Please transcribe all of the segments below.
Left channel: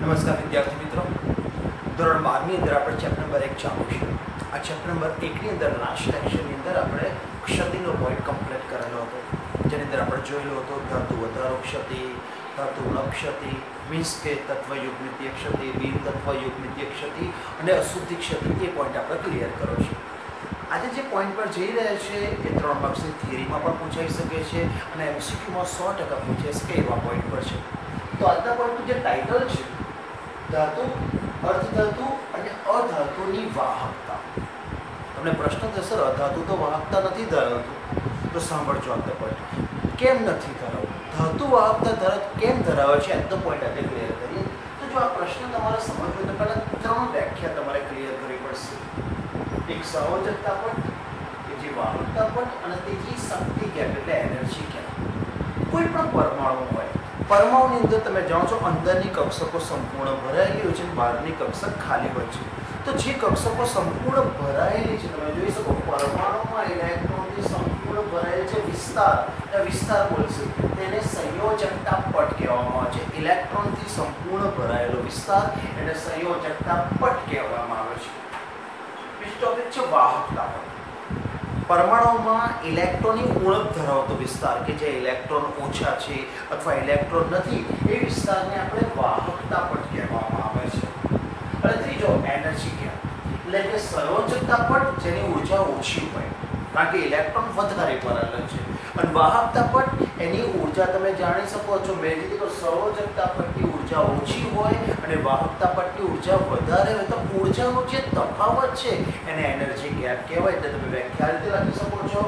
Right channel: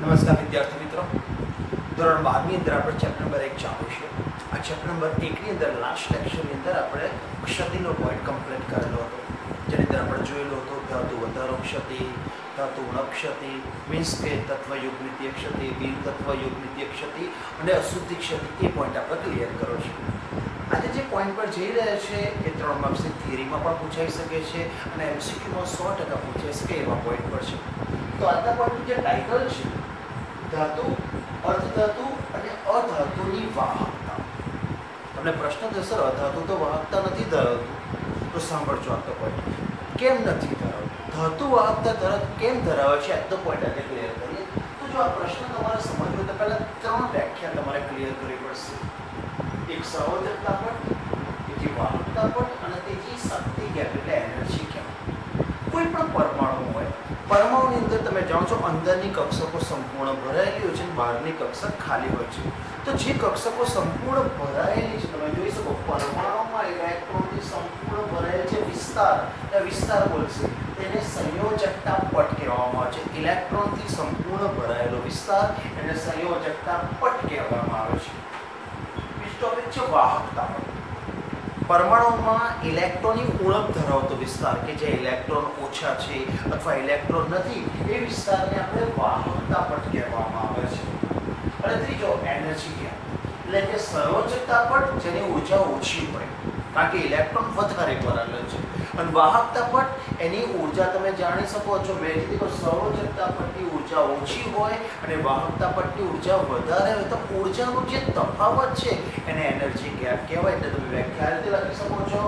નમસ્કાર વિદ્યાર્થી મિત્રો, ધોરણ 12ની અંદર આપણે ચેપ્ટર નંબર 1 ચાલુ છે. આ ચેપ્ટર નંબર 1ની અંદર લાસ્ટ લેક્ચરની અંદર આપણે ક્ષતિનો પોઈન્ટ કમ્પ્લીટ કરેલો હતો, જેની અંદર આપણે જોયેલો હતો ધાતુ વધારો ક્ષતિ, ધાતુ ઉણપ ક્ષતિ, મીન્સ કે તત્વયુગ્મિતીય ક્ષતિ, બિન તત્વયુગ્મિતીય ક્ષતિ અને અશુદ્ધિ ક્ષતિ. એ પોઈન્ટ આપણે ક્લિયર કરો છે. આજે જે પોઈન્ટ પર જઈ રહ્યા છે એ 3 માર્ક્સની થિયરીમાં પણ પૂછાઈ શકે છે અને એમસીક્યુમાં 100% પૂછાઈ શકે એવા પોઈન્ટ પર છે. તો આજના પોઈન્ટનું જે ટાઇટલ છે, ધાતુ, અર્ધધાતુ અને અધાતુની વાહકતા. તમને પ્રશ્ન થશે, અધાતુ તો વાહકતા નથી ધરાવતું. તો સાંભળજો આજનો પોઈન્ટ. કેમ નથી ધરાવતું? ધાતુ વાહકતા કેમ ધરાવે છે, આજનો પોઈન્ટ આજે ક્લિયર કરીએ. તો જો આ પ્રશ્ન તમારે સમજવો હોય તો પહેલાં 3 વ્યાખ્યા તમારે ક્લિયર કરવી પડશે. એક સંયોજકતા પટ, બીજી વાહકતા પટ અને ત્રીજી શક્તિ ગેપ એટલે એનર્જી ગેપ. કોઈ પણ પરમાણુ હોય, પરમાણુની અંદર તમે જાણો છો અંદરની કક્ષકો સંપૂર્ણ ભરાયેલી હોય છે અને બહારની કક્ષક ખાલી હોય છે. તો જે કક્ષકો સંપૂર્ણ ભરાયેલી છે, તમે જોઈ શકો પરમાણુમાં ઇલેક્ટ્રોનથી સંપૂર્ણ ભરાયેલ છે વિસ્તાર બોલશે, તેને સંયોજકતા પટ કહેવામાં આવે છે. ઇલેક્ટ્રોનથી સંપૂર્ણ ભરાયેલો વિસ્તાર એને સંયોજકતા પટ કહેવામાં આવે છે. બીજો ટોપિક છે વાહકતા પટ. પરમાણુમાં ઇલેક્ટ્રોનની ઉણપ ધરાવતો વિસ્તાર કે જે ઇલેક્ટ્રોન ઓછા છે અથવા ઇલેક્ટ્રોન નથી, એ વિસ્તારને આપણે વાહકતા પટ કહેવામાં આવે છે. અને ત્રીજો એનર્જી ગેપ એટલે કે સંયોજકતા પટ, જેની ઉર્જા ઓછી હોય કારણ કે ઇલેક્ટ્રોન વધારે ભરેલા છે. અને વાહકતા પટ, એની ઉર્જા તમે જાણી શકો છો, મેં કીધું સંયોજકતા પટની ઉર્જા ઓછી હોય અને વાહકતા પટની ઉર્જા વધારે હોય. તો ઉર્જાનો જે તફાવત છે એને એનર્જી ગેપ કહેવાય. એટલે તમે વ્યાખ્યા રીતે લખી શકો છો,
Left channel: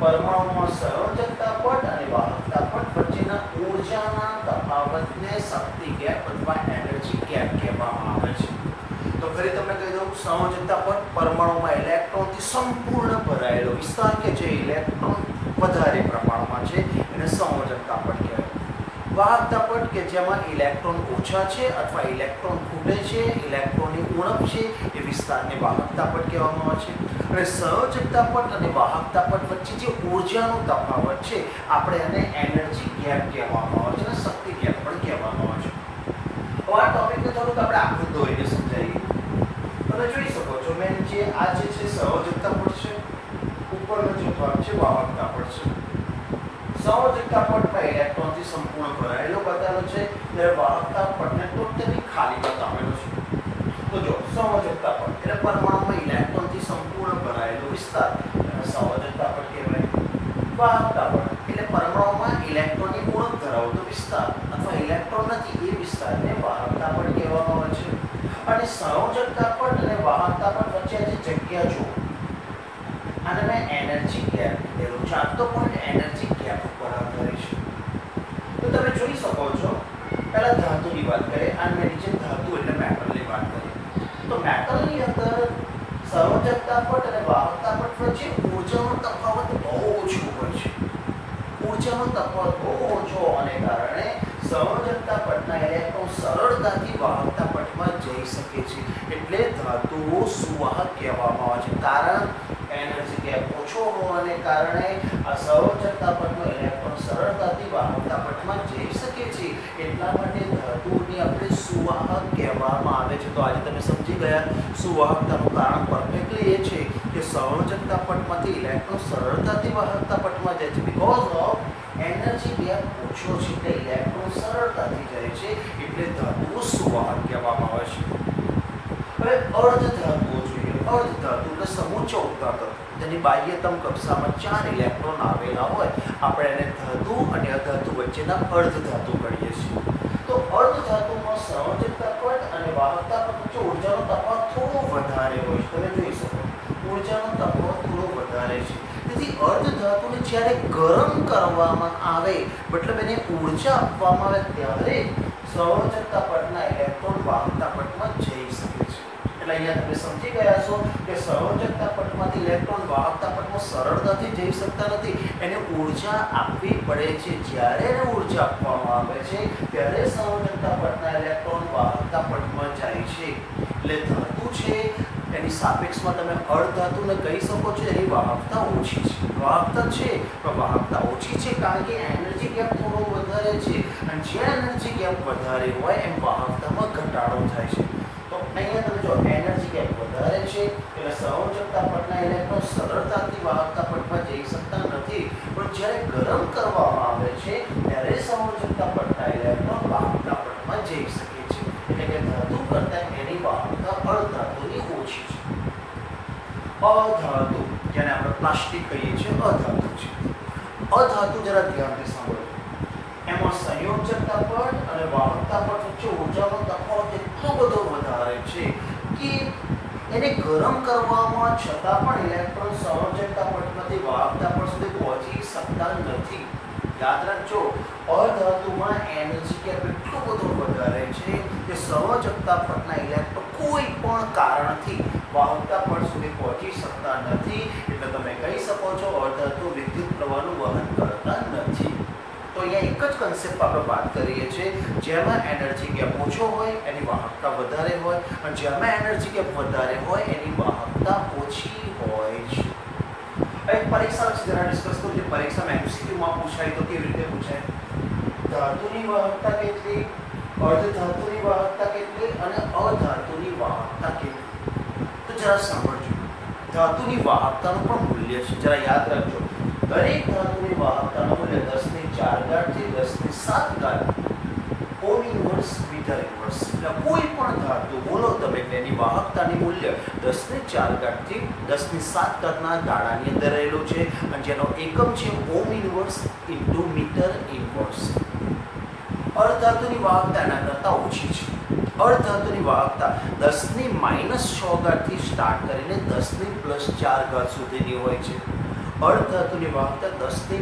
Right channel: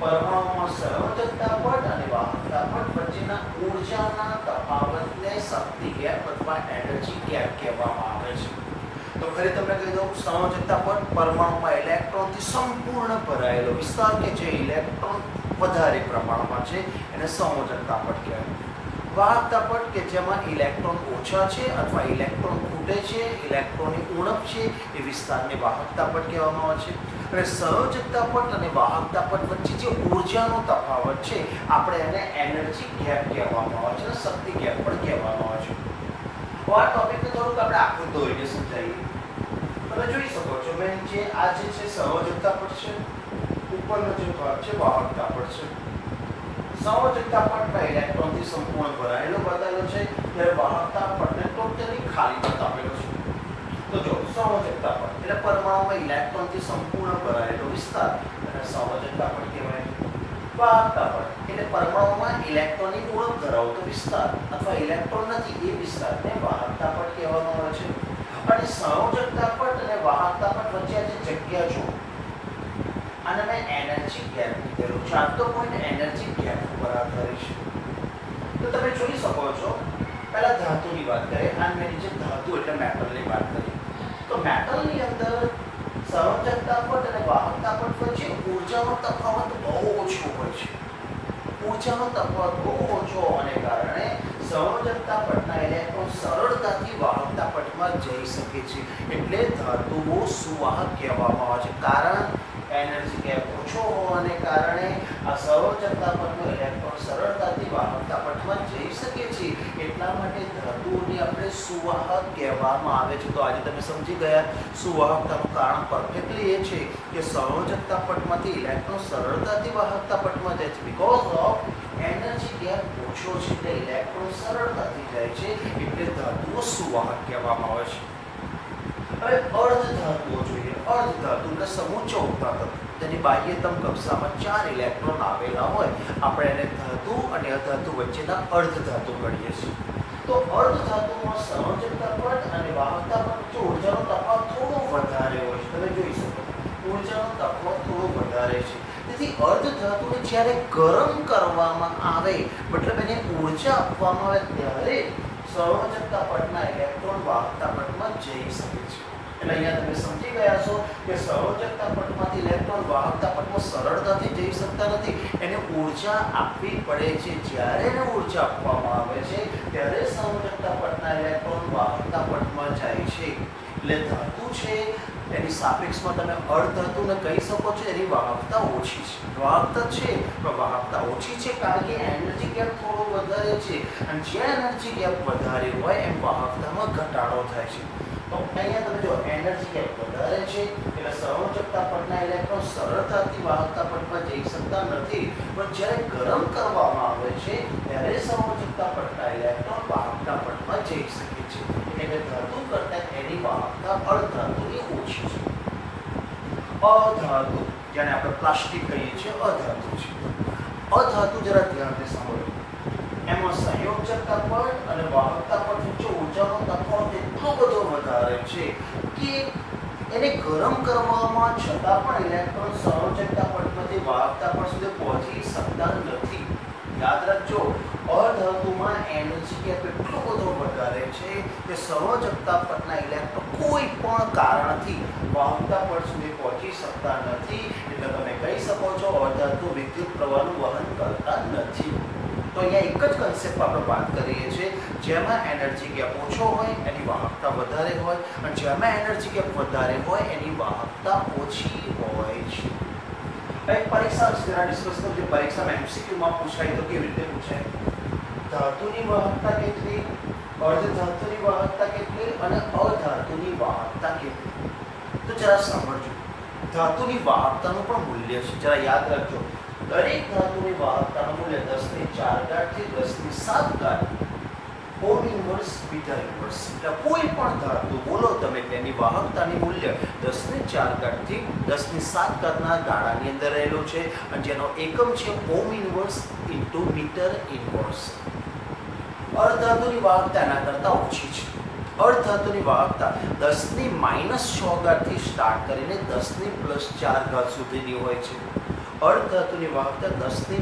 પરમાણુમાં સંયોજકતા પટ અને વાહકતા પટ વચ્ચેના ઉર્જાના તફાવતને શક્તિ ગેપ અથવા એનર્જી ગેપ કહેવામાં આવે છે. તો ફરી તમને કહી દઉં, સંયોજકતા પટ પરમાણુમાં ઇલેક્ટ્રોનથી સંપૂર્ણ ભરાયેલો વિસ્તાર કે જે ઇલેક્ટ્રોન વધારે પ્રમાણમાં છે એને સંયોજકતા પટ કહેવાય. વાહકતા પટ કે જેમાં ઇલેક્ટ્રોન ઓછા છે અથવા ઇલેક્ટ્રોન ખૂટે છે, ઇલેક્ટ્રોનની ઉણપ છે, એ વિસ્તારને વાહકતા પટ કહેવામાં આવે છે. અને સંયોજકતા પટ અને વાહકતા પટ વચ્ચે જે ઉર્જાનો તફાવત છે આપણે એને એનર્જી ગેપ કહેવામાં આવે છે અને શક્તિ ગેપ પણ કહેવામાં આવે છે. તો આ ટોપિકને થોડુંક આપણે આખું દોરીને સમજાવીએ. તમે જોઈ શકો છો મેં જે આ જે છે સંયોજકતા પટ છે, ઉપરનો જે ભાગ છે વાહકતા પટ છે. સંયોજકતા પટમાં ઇલેક્ટ્રોનથી સંપૂર્ણ ભરાયેલો બતાવેલો છે, જ્યારે વાહકતા પટને ટોટલી ખાલી બતાવેલો છે. તો જો સંયોજકતા પટ એટલે પરમાણુમાં ઇલેક્ટ્રોનથી સંપૂર્ણ ભરાયેલો વિસ્તાર એને સંયોજકતા પટ કહેવાય. વાહકતા પટ એટલે પરમાણુમાં ઇલેક્ટ્રોનની ઉણપ ધરાવતો વિસ્તાર અથવા ઇલેક્ટ્રોન નથી એ વિસ્તારને વાહકતા પટ કહેવામાં આવે છે. અને સંયોજકતા પટ અને વાહકતા પટ વચ્ચે જે જગ્યા જો આને મેં એનર્જી ગેપ કીધેલું છે. આજનો પોઈન્ટ એનર્જી ગેપ ઉપર આધારિત છે. તો તમે જોઈ શકો છો, પહેલા ધાતુની વાત કરીએ અને મેં નીચે ધાતુ એટલે મેટલની વાત કરીએ. તો મેટલની અંદર સંયોજકતા પટ અને વાહકતા પટ વચ્ચે ઉર્જાનો તફાવત બહુ ઓછો હોય છે. ઉર્જાનો તફાવત બહુ ઓછો હોવાને કારણે સંયોજકતા પટના ઇલેક્ટ્રોન સરળતાથી વાહકતા પટમાં જઈ શકે છે. એટલે ધાતુઓ સુવાહક કહેવામાં આવે છે. કારણ એનર્જી ગેપ ઓછો હોવાને કારણે આ સંયોજકતા પટનો ઇલેક્ટ્રોન સરળતાથી વાહકતા પટમાં જઈ શકે છે. એટલા માટે ધાતુઓને આપણે સુવાહક કહેવામાં આવે છે. તો આજે તમે સમજી ગયા, સુવાહકતાનું કારણ પરફેક્ટલી એ છે કે સંયોજકતા પટમાંથી ઇલેક્ટ્રોન સરળતાથી વાહકતા પટમાં જાય છે. બીકોઝ ઓફ એનર્જી ગેપ ઓછો છે એટલે ઇલેક્ટ્રોન સરળતાથી જાય છે, એટલે ધાતુઓ સુવાહક કહેવામાં આવે છે. હવે અર્ધધાતુઓ જોઈએ. અર્ધધાતુ એટલે સમુચ્ચ ઉત્પાદક, જેની બાહ્યતમ કક્ષામાં 4 ઇલેક્ટ્રોન આવેલા હોય, આપણે એને ધાતુ અને અધાતુ વચ્ચેના અર્ધધાતુ ગણીએ છીએ. તો અર્ધધાતુમાં સંયોજકતા પટ અને વાહકતા પટ વચ્ચે ઉર્જાનો તફાવત થોડો વધારે હોય છે. તમે જોઈ શકો ઉર્જાનો તફાવત થોડો વધારે છે. તેથી અર્ધધાતુને જ્યારે ગરમ કરવામાં આવે, મતલબ એને ઉર્જા આપવામાં આવે, ત્યારે સંયોજકતા પટના ઇલેક્ટ્રોન વાહકતા પટમાં જઈ શકે છે. એટલે અહીંયા તમે સમજી ગયા છો કે સંયોજકતા પટમાંથી ઇલેક્ટ્રોન વાહકતા પટમાં સરળતાથી જઈ શકતા નથી, એને ઊર્જા આપવી પડે છે। જ્યારે એને ઊર્જા આપવામાં આવે છે ત્યારે સંયોજકતા પટના ઇલેક્ટ્રોન વાહકતા પટમાં જાય છે। એટલે ધાતુ છે એની સાપેક્ષમાં તમે અર્ધધાતુને કહી શકો છો એની વાહકતા ઓછી છે, વાહકતા છે પણ વાહકતા ઓછી છે કારણ કે એનર્જી ગેપ થોડો વધારે છે, અને જ્યાં એનર્જી ગેપ વધારે હોય એમ વાહકતામાં ઘટાડો થાય છે। તો અહીંયા તમે જો એનર્જી ગેપ વધારે છે એટલે સંયોજકતા પટના ઇલેક્ટ્રોન સરળતાથી વાહકતા પટમાં જઈ શકતા નથી, પણ જ્યારે ગરમ કરવામાં આવે છે ત્યારે સંયોજકતા પટના ઇલેક્ટ્રોન વાહકતા પટમાં જઈ શકે છે। એટલે કે ધાતુ કરતાં એની વાહકતા અર્ધધાતુની ઓછી છે। અધાતુ જેને આપણે પ્લાસ્ટિક કહીએ છીએ અધાતુ છે। અધાતુ જરા ધ્યાનથી સાંભળો, એમાં સંયોજકતા પટ અને વાહકતા પટ વચ્ચે ઊર્જાનો તફાવત એટલો બધો વધારે છે કે એને ગરમ કરવામાં છતાં પણ ઇલેક્ટ્રોન સંયોજકતા પટમાંથી વાહકતા પટ સુધી પહોંચી શકતા નથી। યાદ રાખજો, અધાતુમાં એનર્જી ગેપ એટલો બધો વધારે છે કે સંયોજકતા પટના ઇલેક્ટ્રોન કોઈ પણ કારણથી વાહકતા પટ સુધી પહોંચી શકતા નથી। એટલે તમે કહી શકો છો અધાતુ વિદ્યુત પ્રવાહનું વહન કરતા નથી। તો અહીંયા એક જ કન્સેપ્ટ આપણે વાત કરીએ છીએ, જેમાં એનર્જી ગેપ ઓછો હોય એની વાહકતા વધારે હોય, અને જેમાં એનર્જી ગેપ વધારે હોય એની વાહકતા ઓછી હોય છે। એક પરીક્ષા જરા ડિસ્કસ કરું, જે પરીક્ષામાં એમસીક્યુમાં પૂછાય તો કેવી રીતે પૂછાય, ધાતુની વાહકતા કેટલી, અર્ધધાતુની વાહકતા કેટલી અને અધાતુની વાહકતા કેટલી। તો જરા સાંભળજો, ધાતુની વાહકતાનું પણ મૂલ્ય છે, જરા યાદ રાખજો। દરેક ધાતુની વાહકતાનું મૂલ્ય 10⁴ થી 10⁷ ઓમ ઇન્વર્સ મીટર ઇન્વર્સ। એટલે કોઈ પણ ધાતુ બોલો તમે તેની વાહકતાની મૂલ્ય 10⁴ થી 10⁷ ના ગાળાની અંદર રહેલું છે, અને જેનો એકમ છે ohm inverse into metre inverse. અર્ધધાતુની વાહકતા એના કરતાં ઓછી છે। અર્ધધાતુની વાહકતા 10⁻⁶ થી સ્ટાર્ટ કરીને 10⁻+4 સુધીની હોય છે। અર્ધધાતુની વાહકતા 10⁻⁶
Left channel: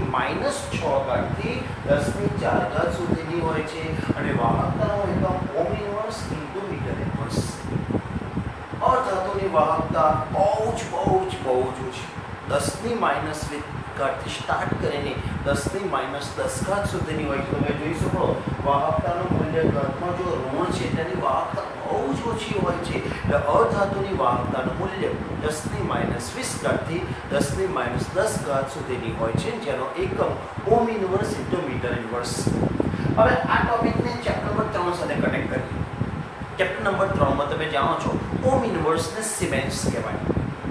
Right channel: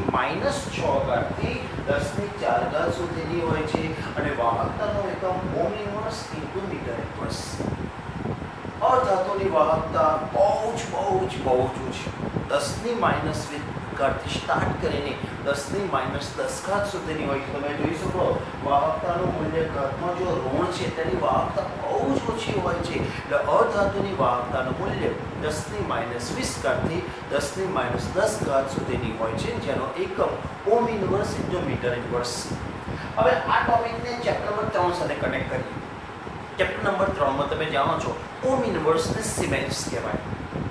થી 10⁴ સુધીની હોય છે, અને વાહકતાનો એકમ ઓમ ઇન્વર્સ ઇન્ટુ મીટર ઇન્વર્સ। અર્ધધાતુની વાહકતા બહુ જ ઓછી, 10⁻⁻ થી સ્ટાર્ટ કરીને 10⁻⁻10 સુધીની હોય છે। તમે જોઈ શકો વાહકતાનું મૂલ્ય ઘાતમાં જો ઋણ છે તેની વાહકતા બહુ જ ઓછી હોય છે। એટલે અધાતુની વાહકતાનું મૂલ્ય 10⁻⁻20 થી 10⁻10 સુધીની હોય છે, જેનો એકમ ઓમ ઇન્વર્સ ઇન્ટુ મીટર ઇન્વર્સ। હવે આ ટોપિકને ચેપ્ટર નંબર 3 સાથે કનેક્ટ કરીએ। ચેપ્ટર નંબર 3 માં તમે જાણો છો ઓમ ઇન્વર્સને સિમેન્સ કહેવાય,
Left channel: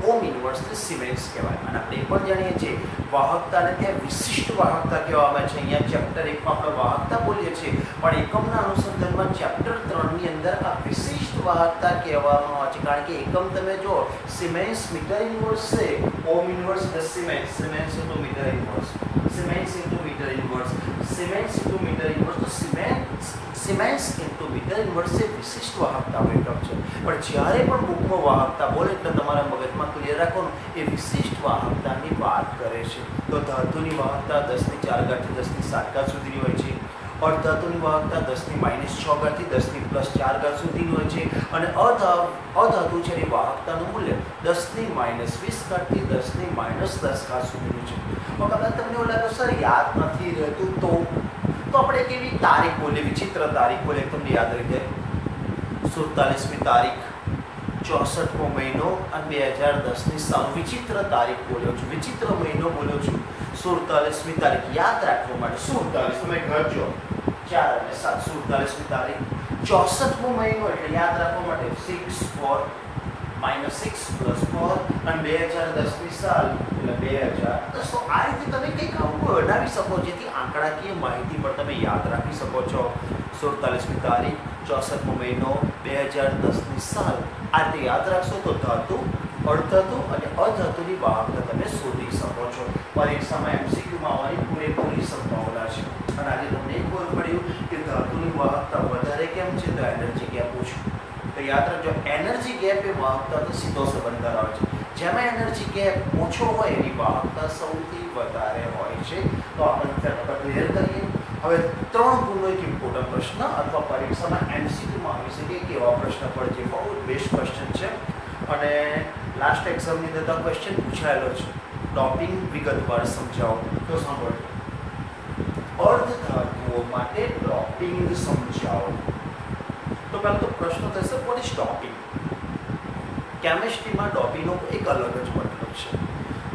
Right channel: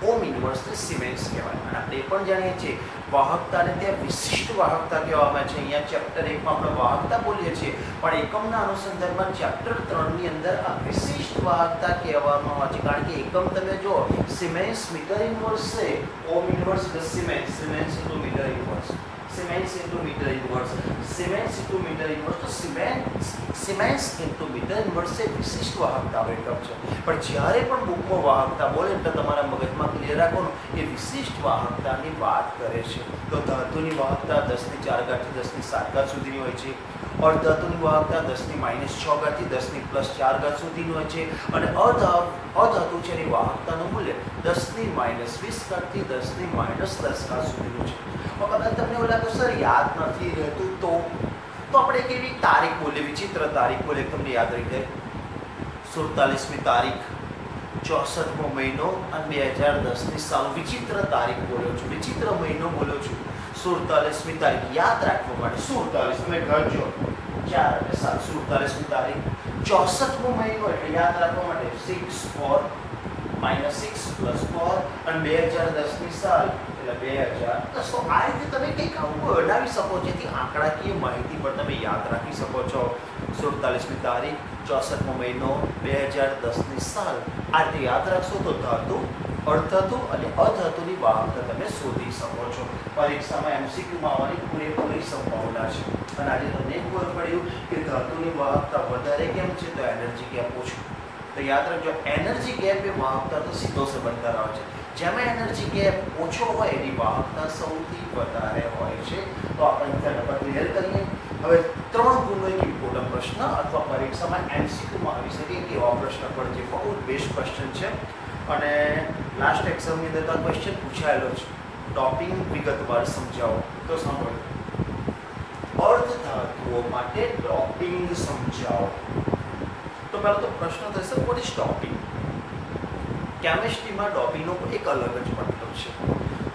ઓમ ઇન્વર્સને સિમેન્સ કહેવાય, અને આપણે એ પણ જાણીએ છીએ વાહકતાને ત્યાં વિશિષ્ટ વાહકતા કહેવામાં આવે છે। અહીંયા ચેપ્ટર 1 માં આપણે વાહકતા બોલીએ છીએ, પણ એકમના અનુસંધાનમાં ચેપ્ટર 3 ની અંદર આ વિશિષ્ટ વાહકતા કહેવામાં આવે છે, કારણ કે એકમ તમે જો સિમેન્સ મીટર ઇન્વર્સ છે, ઓમ ઇન્વર્સ એટલે siemens into metre inverse, siemens into metre inverse, siemens into metre inverse, તો સિમેન્સ ઇન્ટુ મીટર ઇન્વર્સ એ વિશિષ્ટ વાહકતાનો એકમ છે। પણ જ્યારે પણ બુકમાં વાહકતા બોલે એટલે તમારા મગજમાં ક્લિયર રાખવાનું એ વિશિષ્ટ વાહકતાની વાત કરે છે। તો ધાતુની વાહકતા 10⁴ થી 10⁷ સુધીની હોય છે, અર્ધધાતુની વાહકતા 10⁻⁶ થી 10⁻+4 સુધીની હોય છે, અને અધાતુ છે એની વાહકતાનું મૂલ્ય 10⁻⁻20 થી 10⁻10 સુધીનું છે। કદાચ તમને એવું લાગે સર યાદ નથી રહેતું, તો આપણે કેવી તારીખ બોલીએ, વિચિત્ર તારીખ બોલીએ, તમને યાદ રહી જાય। 47મી તારીખ, 64મો મહિનો અને 2010ની સાલ, વિચિત્ર તારીખ બોલ્યો છું, વિચિત્ર મહિનો બોલ્યો છું। 47મી તારીખ યાદ રાખવા માટે 47 તમે ઘર જો 4 અને 7, 47મી તારીખ, 64મો મહિનો એટલે યાદ રાખવા માટે 6 -6 + 4 અને 2010ની સાલ એટલે 2010। તો આ રીતે તમે કંઈક આવું બનાવી શકો જેથી આંકડાકીય માહિતી પણ તમે યાદ રાખી શકો છો। 47મી તારીખ, 64મો મહિનો, 2010ની સાલ, આ રીતે યાદ રાખશો તો ધાતુ, અર્ધધાતુ અને અધાતુની વાહકતા તમે શોધી શકો છો। પરીક્ષામાં એમસીક્યુમાં આવવાની પૂરેપૂરી સંભાવના છે, અને આજે તમને એક ખબર પડ્યું કે ધાતુની વાહકતા વધારે કેમ છે, તો એનર્જી ગેપ ઓછું। તો યાદ રાખજો એનર્જી ગેપ એ વાહકતાનો સીધો સંબંધ ધરાવે છે, જેમાં એનર્જી ગેપ ઓછો હોય એની વાહકતા સૌથી વધારે હોય છે। તો આપણે ક્લિયર કરીએ હવે 3 ગુણનો એક ઇમ્પોર્ટન્ટ પ્રશ્ન અથવા પરીક્ષામાં MCQમાં આવી શકે કેવા પ્રશ્ન પડે છે. બહુ જ બેસ્ટ ક્વેશ્ચન છે અને લાસ્ટ એક્ઝામની અંદર તો ક્વેશ્ચન પૂછાયેલો છે. ડોપિંગ વિગતવાર સમજાવો. તો સાંભળો, અર્ધધાતુઓ માટે ડોપિંગ સમજાવો. તો પહેલો તો પ્રશ્ન થશે, વોટ ઇઝ ડોપિંગ? કેમિસ્ટ્રીમાં ડોપિંગનો એક અલગ જ મતલબ છે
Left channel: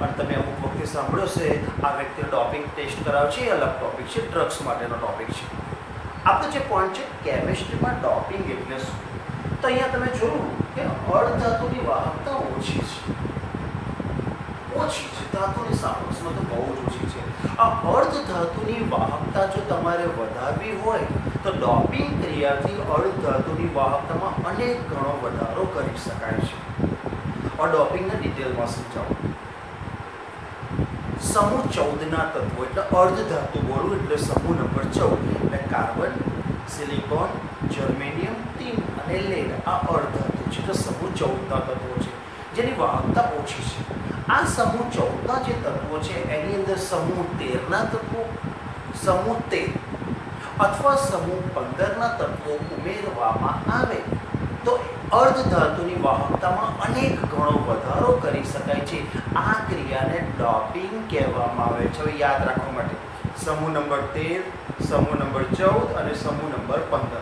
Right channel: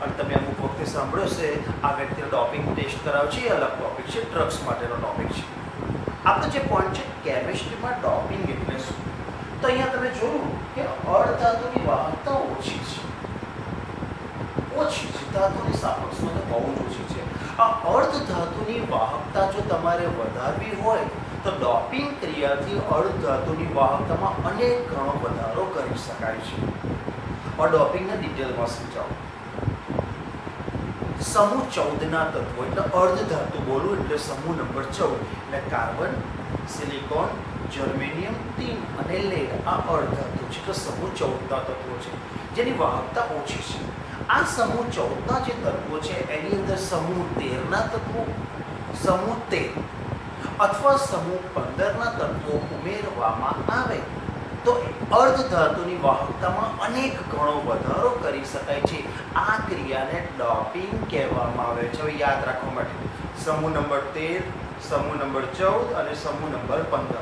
અને તમે અમુક વખતે સાંભળ્યો છે આ વ્યક્તિને ડોપિંગ ટેસ્ટ કરાવે છે, એ અલગ ટોપિક છે, ડ્રગ્સ માટેનો ટોપિક છે. આપણો જે પોઈન્ટ છે કેમિસ્ટ્રીમાં ડોપિંગ એટલે શું? તો અહીંયા તમે જોયું કે અર્ધધાતુની વાહકતા ઓછી છે, ધાતુની સાપેક્ષમાં તો બહુ જ ઓછી છે. આ અર્ધધાતુની વાહકતા જો તમારે વધારવી હોય તો ડોપિંગ ક્રિયાથી અર્ધધાતુની વાહકતામાં અનેક ગણો વધારો કરી શકાય છે. और डोपिंगના ડિટેલમાં સમજાવો. સમૂહ 14ના તત્વો એટલે અર્ધધાતુ બોલું એટલે સમૂહ નંબર 14 એટલે કાર્બન, સિલિકોન, જર્મેનિયમ, ટીન અને લેડ. આ અર્ધધાતુ છે. તો સમૂહ 14ના તત્વો છે જેની વાહકતા ઓછી છે. આ સમૂહ 14ના જે તત્વો છે એની અંદર સમૂહ 13ના તત્વો, સમૂહ 13 અથવા સમૂહ 15ના તત્વો ઉમેરવામાં આવે તો અર્ધધાતુની વાહકતામાં અનેક ગણો વધારો કરી શકાય છે. આ ક્રિયાને ડોપિંગ કહેવામાં આવે છે. હવે યાદ રાખવા માટે સમૂહ નંબર 13, સમૂહ નંબર 14 અને સમૂહ નંબર 15.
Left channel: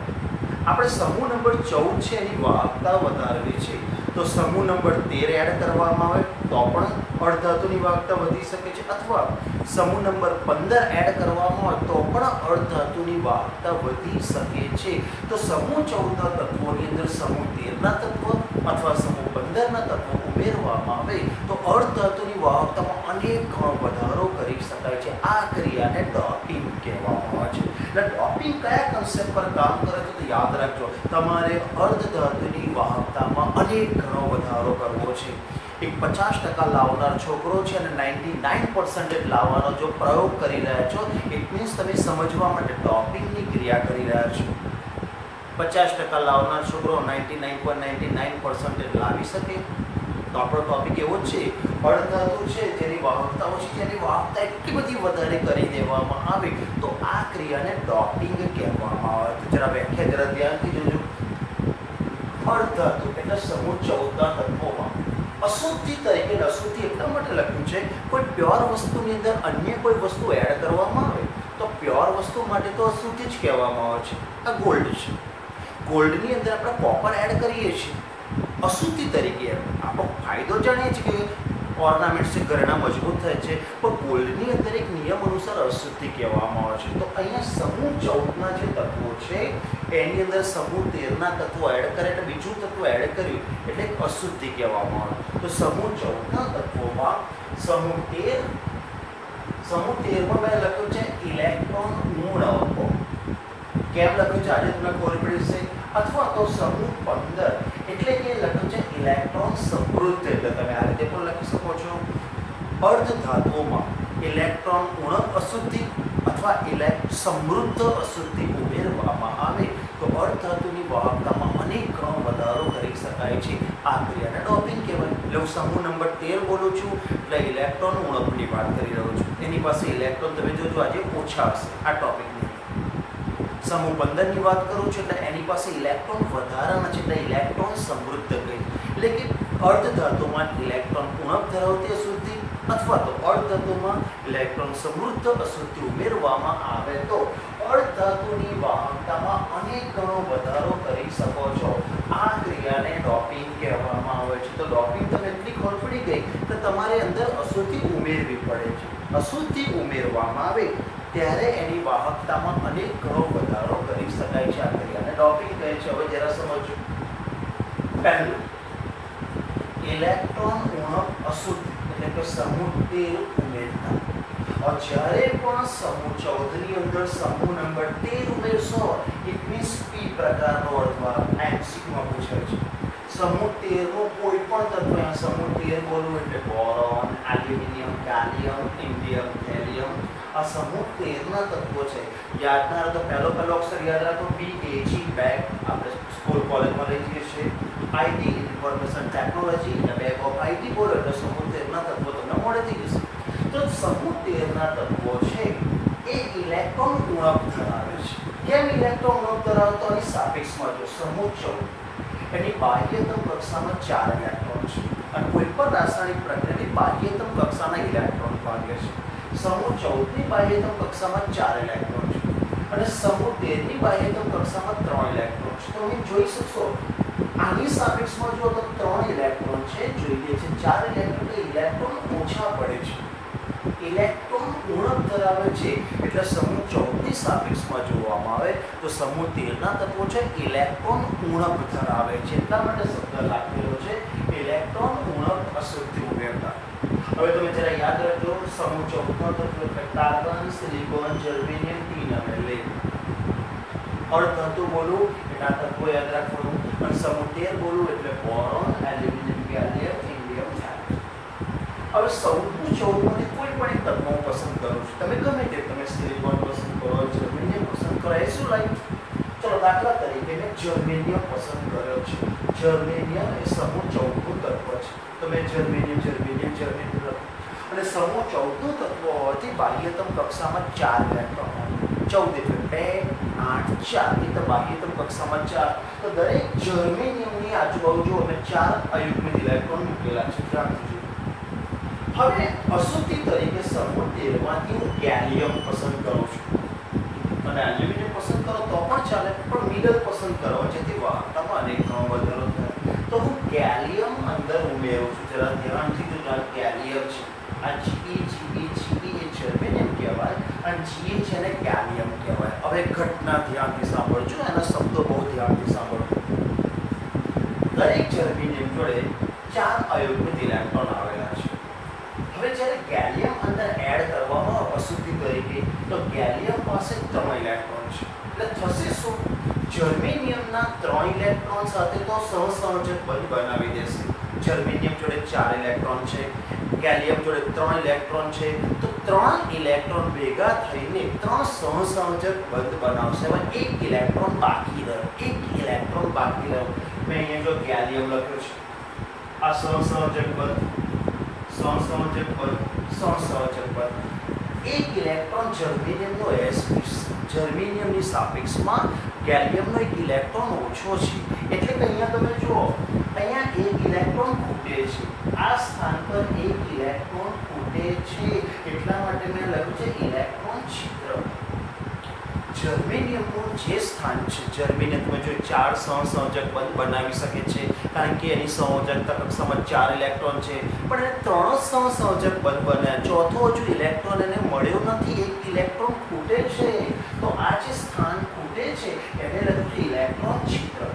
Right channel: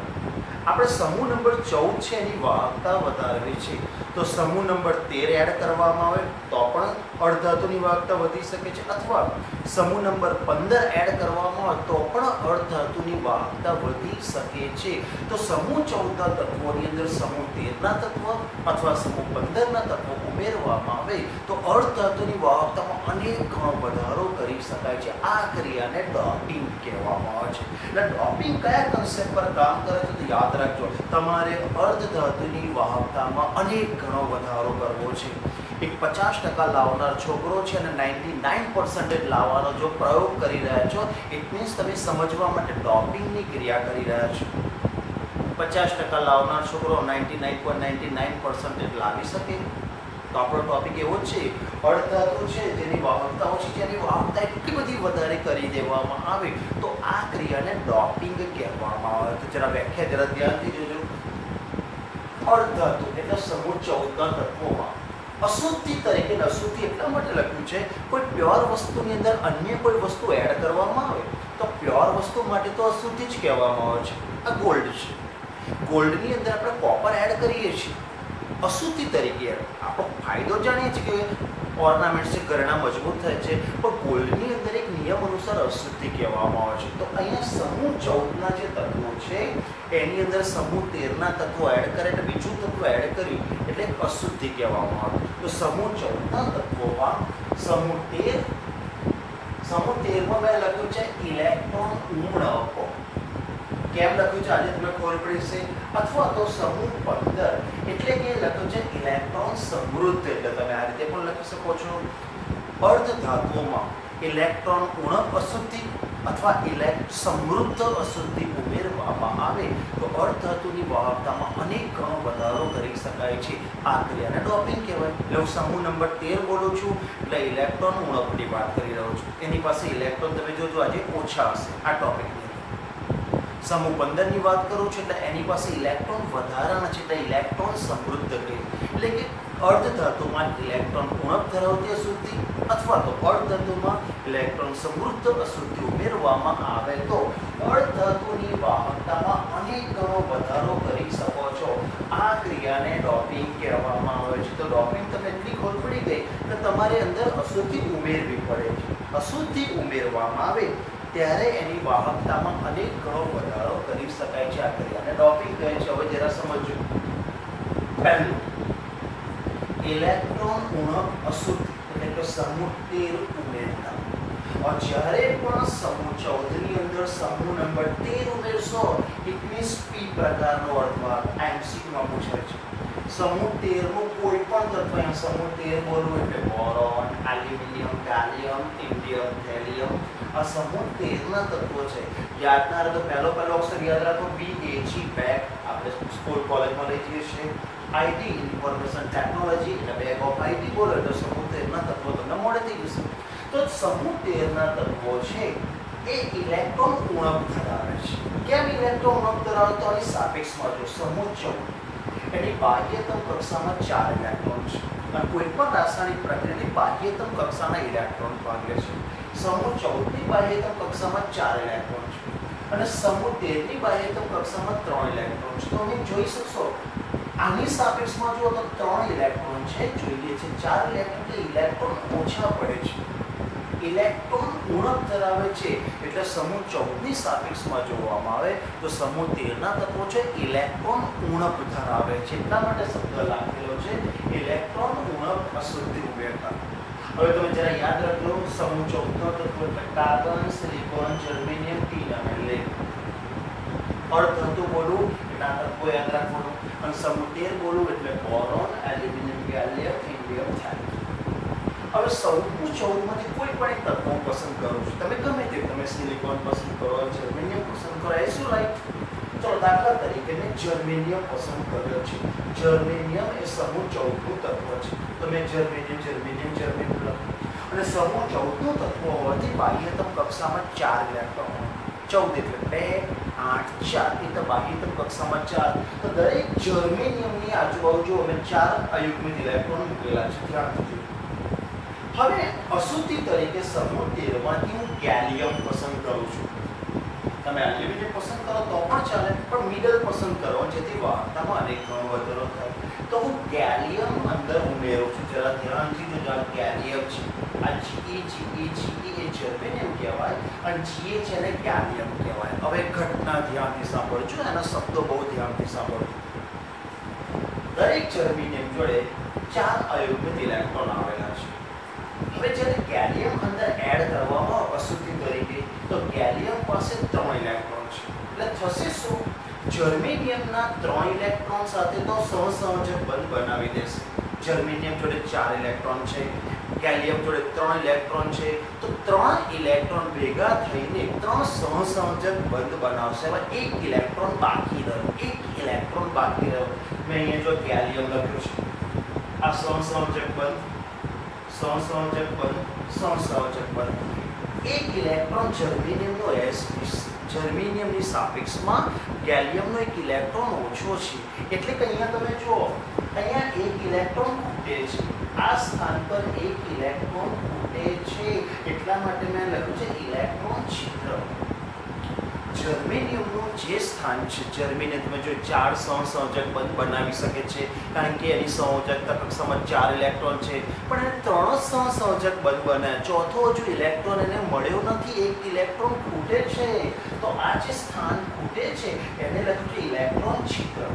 આપણે સમૂહ નંબર 14 છે એની વાહકતા વધારવી છે તો સમૂહ નંબર 13 એડ કરવામાં આવે તો પણ અર્ધધાતુની વાહકતા વધી શકે છે, અથવા સમૂહ નંબર 15 એડ કરવામાં આવે તો પણ અર્ધધાતુની વાહકતા વધી શકે છે. તો સમૂહ 14ના તત્વોની અંદર સમૂહ 13ના તત્વ અથવા સમૂહ 15ના તત્વો ઉમેરવામાં આવે તો અર્ધધાતુની વાહકતામાં અનેક ગણો વધારો કરી શકાય છે. આ ક્રિયાને ડોપિંગ કહેવામાં આવે છે. એટલે ડોપિંગ કયા કન્સેપ્ટ પર કામ કરે છે તો યાદ રાખજો, તમારે અર્ધધાતુની વાહકતામાં અનેક ઘણો વધારો કરવો છે. એક 50% લાવનાર છોકરો છે અને 99% લાવવાનો જો પ્રયોગ કરી રહ્યા છો, ઇટ મીન્સ તમે સમજવા માટે ડોપિંગની ક્રિયા કરી રહ્યા છો. 50% લાવનાર છોકરો 99.99% લાવી શકે તો આપણો ટોપિક એવો જ છે, અર્ધધાતુ છે જેની વાહકતા ઓછી છે એની વાહકતા એટલી બધી વધારે કરી દેવામાં આવે તો આ ક્રિયાને ડોપિંગ કહેવામાં આવે. તો જરા વ્યાખ્યા જરા ધ્યાનથી જોજો. અર્ધધાતુ એટલે સમૂહ 14ના તત્વોમાં અશુદ્ધિ તરીકે, અશુદ્ધિ એટલા માટે લખ્યું છે કોઈ પ્યોર વસ્તુની અંદર અન્ય કોઈ વસ્તુ એડ કરવામાં આવે તો પ્યોર વસ્તુ માટે તો અશુદ્ધિ જ કહેવામાં આવે છે. આ ગોલ્ડ છે, ગોલ્ડની અંદર આપણે કોપર એડ કરીએ છીએ અશુદ્ધિ તરીકે. આપણો ફાયદો જાણીએ છીએ કે ઓર્નામેન્ટ્સ છે, ઘરેણા મજબૂત થાય છે, પણ ગોલ્ડની અંદર એક નિયમ અનુસાર અશુદ્ધિ કહેવામાં આવે છે. તો અહીંયા સમૂહ 14ના જે તત્વો છે એની અંદર સમૂહ 13ના તત્વો એડ કરે એટલે બીજું તત્વ એડ કર્યું એટલે અશુદ્ધિ કહેવામાં આવે. તો સમૂહ 14ના તત્વોમાં સમૂહ 13માં મેં લખ્યું છે ઇલેક્ટ્રોન ઉણપ. કેમ લખ્યું છે આજે તમને ખબર પડી છે. અથવા તો સમૂહ 15 એટલે કે લખ્યું છે ઇલેક્ટ્રોન સમૃદ્ધ, એટલે તમે આ રીતે પણ લખી શકો છો. અર્ધધાતુઓમાં ઇલેક્ટ્રોન ઉણપ અશુદ્ધિ અથવા સમૃદ્ધ અશુદ્ધિ ઉમેરવામાં આવે તો અર્ધધાતુની વાહકતામાં અનેક ગણો વધારો કરી શકાય છે. આ ક્રિયાને ડોપિંગ કહેવાય. એટલે હું સમૂહ નંબર 13 બોલું છું એટલે ઇલેક્ટ્રોન ઉણપની વાત કરી રહ્યો છું. એની પાસે ઇલેક્ટ્રોન તમે જોજો આજે ઓછા હશે આ ટોપિકની. સમૂહ 15ની વાત કરું છું એટલે એની પાસે ઇલેક્ટ્રોન વધારાના છે એટલે ઇલેક્ટ્રોન સમૃદ્ધ કહે. એટલે કે અર્ધધાતુમાં ઇલેક્ટ્રોન ઉણપ ધરાવતી અશુદ્ધિ અથવા તો અર્ધધાતુમાં ઇલેક્ટ્રોન સમૃદ્ધ અશુદ્ધિ ઉમેરવામાં આવે તો અર્ધધાતુની વાહકતામાં અનેક ગણો વધારો કરી શકો છો. આ ક્રિયાને ડોપિંગ કહેવામાં આવે છે. તો ડોપિંગ તમને એટલી ખબર પડી ગઈ કે તમારે અંદર અશુદ્ધિ ઉમેરવી પડે છે. અશુદ્ધિ ઉમેરવામાં આવે ત્યારે એની વાહકતામાં અનેક ગણો વધારો કરી શકાય છે. આ ક્રિયાને ડોપિંગ કહે છે. હવે જરા સમજો. પહેલું, ઇલેક્ટ્રોન ઉણપ અશુદ્ધિ એટલે કે સમૂહ 13 ઉમેરતા. જ્યારે પણ સમૂહ 14ની અંદર સમૂહ નંબર 13 ઉમેરશો ઇટ મીન્સ પી પ્રકારનો અર્ધવાહક. MCQમાં પૂછાય છે. સમૂહ 13નું કોઈ પણ તત્વ, સમૂહ 13 બોલવું એટલે બોરોન, એલ્યુમિનિયમ, ગાલિયમ, ઇન્ડિયમ, થેલિયમ. આ સમૂહ 13ના તત્વો છે. યાદ ના રહે તો પહેલો અક્ષર યાદ રાખો BAG, બેગ. આપણે સ્કૂલ કોલેજમાં લઈ જઈએ છીએ. IT ઇન્ફોર્મેશન ટેકનોલોજી અને બેગ ઓફ IT બોલો એટલે સમૂહ 13ના તત્વો તમને મોડેથી જશે. તો સમૂહ 13ના તત્વો છે એ એ ઇલેક્ટ્રોન ઉણપ ધરાવે છે. કેમ ઇલેક્ટ્રોન ઉણપ ધરાવે? તો આની સાપેક્ષમાં જો સમૂહ 14 એની બાહ્યતમ કક્ષામાં 4 ઇલેક્ટ્રોન છે અને કોઈ પણ રાસાયણિક પ્રક્રિયાની બાહ્યતમ કક્ષાના ઇલેક્ટ્રોન ભાગ લે છે. સમૂહ 14 ની બાહ્યતમ કક્ષામાં 4 ઇલેક્ટ્રોન છે અને સમૂહ 13 ની બાહ્યતમ કક્ષામાં 3 ઇલેક્ટ્રોન છે. તો તમે જોઈ શકશો આની સાપેક્ષમાં જો તો 3 ઇલેક્ટ્રોન છે, જોઈએ છે 4 ઇલેક્ટ્રોન કે ઇલેક્ટ્રોન ઓછા પડે છે, ઇલેક્ટ્રોન ઉણપ ધરાવે છે. એટલે સમૂહ 14 ની સાપેક્ષમાં જોવામાં આવે તો સમૂહ 13 ના તત્વો છે ઇલેક્ટ્રોન ઉણપ ધરાવે છે. એટલા માટે શબ્દ લખેલો છે ઇલેક્ટ્રોન ઉણપ અશુદ્ધિ ઉમેરતા. હવે તમે જરા યાદ રાખજો, સમૂહ 14 નો તત્વો એટલે કાર્બન, સિલિકોન, જર્મેનિયમ, ટીન અને લેડ. અર્ધધાતુ બોલું એટલે આ તત્વો યાદ રાખવાનું અને સમૂહ 13 બોલું એટલે બોરોન, એલ્યુમિનિયમ, ગેલિયમ, ઇન્ડિયમ, થાઇરાઇડ. હવે સમૂહ 14 માંથી કોઈ પણ એક તત્વો પસંદ કરો છો, તમે ગમે તે, તમે સિલિકોન પસંદ કરો, જર્મેનિયમ પસંદ કરો, એ શું લાઈક? ચલો દાખલા તરીકે મેં જર્મેનિયમ પસંદ કર્યો છે. જર્મેનિયમ એ સમૂહ 14 નું તત્વ છે, તો મેં જર્મેનિયમ લખું અને સમૂહ 14 નું તત્વ હોવાથી બાહ્યતમ કક્ષામાં 4 ઇલેક્ટ્રોન હોય. 14 એટલે 2, 8, 4 એ તો બાહ્યતમ કક્ષામાં 4. તો દરેક જર્મેનિયમની આજુબાજુ અમે 4 અયુગ્મિત ઇલેક્ટ્રોન મૂકેલા છે. રાખજો. હવે અશુદ્ધિ તરીકે સમૂહ 13 માંથી હું ગેલિયમ પસંદ કરું છું. તમે એલ્યુમિનિયમ પસંદ કરો તો પણ ચાલે, પણ મિડલ પસંદ કરો જેથી વાહકતામાં અનેક ગણો વધારો થાય. તો હું ગેલિયમ અંદર ઉમેરું છું. જરા ધ્યાનથી જો ગેલિયમ છે, આ Ge એ જર્મેનિયમ કહેવાય અને Ga છે ને ગેલિયમ કહેવાય. હવે ઘટના ધ્યાનથી સાંભળજો, એના શબ્દો બહુ ધ્યાનથી સાંભળજો. દરેક જર્મેનિયમ જોડે 4 અયુગ્મિત ઇલેક્ટ્રોન આવેલા છે. હવે જ્યારે ગેલિયમ અંદર એડ કરવામાં આવે અશુદ્ધિ તરીકે તો ગેલિયમ પાસે 3 ઇલેક્ટ્રોન છે. એટલે થશે શું? જર્મેનિયમના 3 ઇલેક્ટ્રોન સાથે તો સહસંયોજક બંધ બનાવી દેશે. જર્મેનિયમ જોડે 4 ઇલેક્ટ્રોન છે, ગેલિયમ જોડે 3 ઇલેક્ટ્રોન છે, તો 3 ઇલેક્ટ્રોન ભેગા થઈને 3 સહસંયોજક બંધ બનાવશે. હવે 1 ઇલેક્ટ્રોન બાકી રહ્યો, 1 ઇલેક્ટ્રોન બાકી રહ્યો. મેં અહીંયા જો ગેલિયમ લખ્યું છે, આ સહસંયોજક બંધ, સહસંયોજક બંધ. 1 ઇલેક્ટ્રોન જર્મેનિયમનો sp, જર્મેનિયમની સાપેક્ષમાં ગેલિયમનો 1 ઇલેક્ટ્રોન ઓછો છે. એટલે કે અહીંયા તમે જુઓ, અહીંયા 1 ઇલેક્ટ્રોન ખૂટે છે, આ સ્થાન પર 1 ઇલેક્ટ્રોન ખૂટે છે. એટલા માટે મેં લખ્યું છે ઇલેક્ટ્રોન છિદ્ર. જર્મેનિયમનું જે સ્થાન છે, જર્મેનિયમ તમે જો 4 સહસંયોજક બંધ બનાવી શકે છે કારણ કે એની સંયોજકતા કક્ષામાં 4 ઇલેક્ટ્રોન છે, પણ એને 3 સહસંયોજક બંધ બનાવ્યા, ચોથો હજુ ઇલેક્ટ્રોન એને મળ્યો નથી, 1 ઇલેક્ટ્રોન ખૂટે છે. તો આ જે સ્થાન ખૂટે છે એને લખ્યું છે ઇલેક્ટ્રોન છિદ્ર.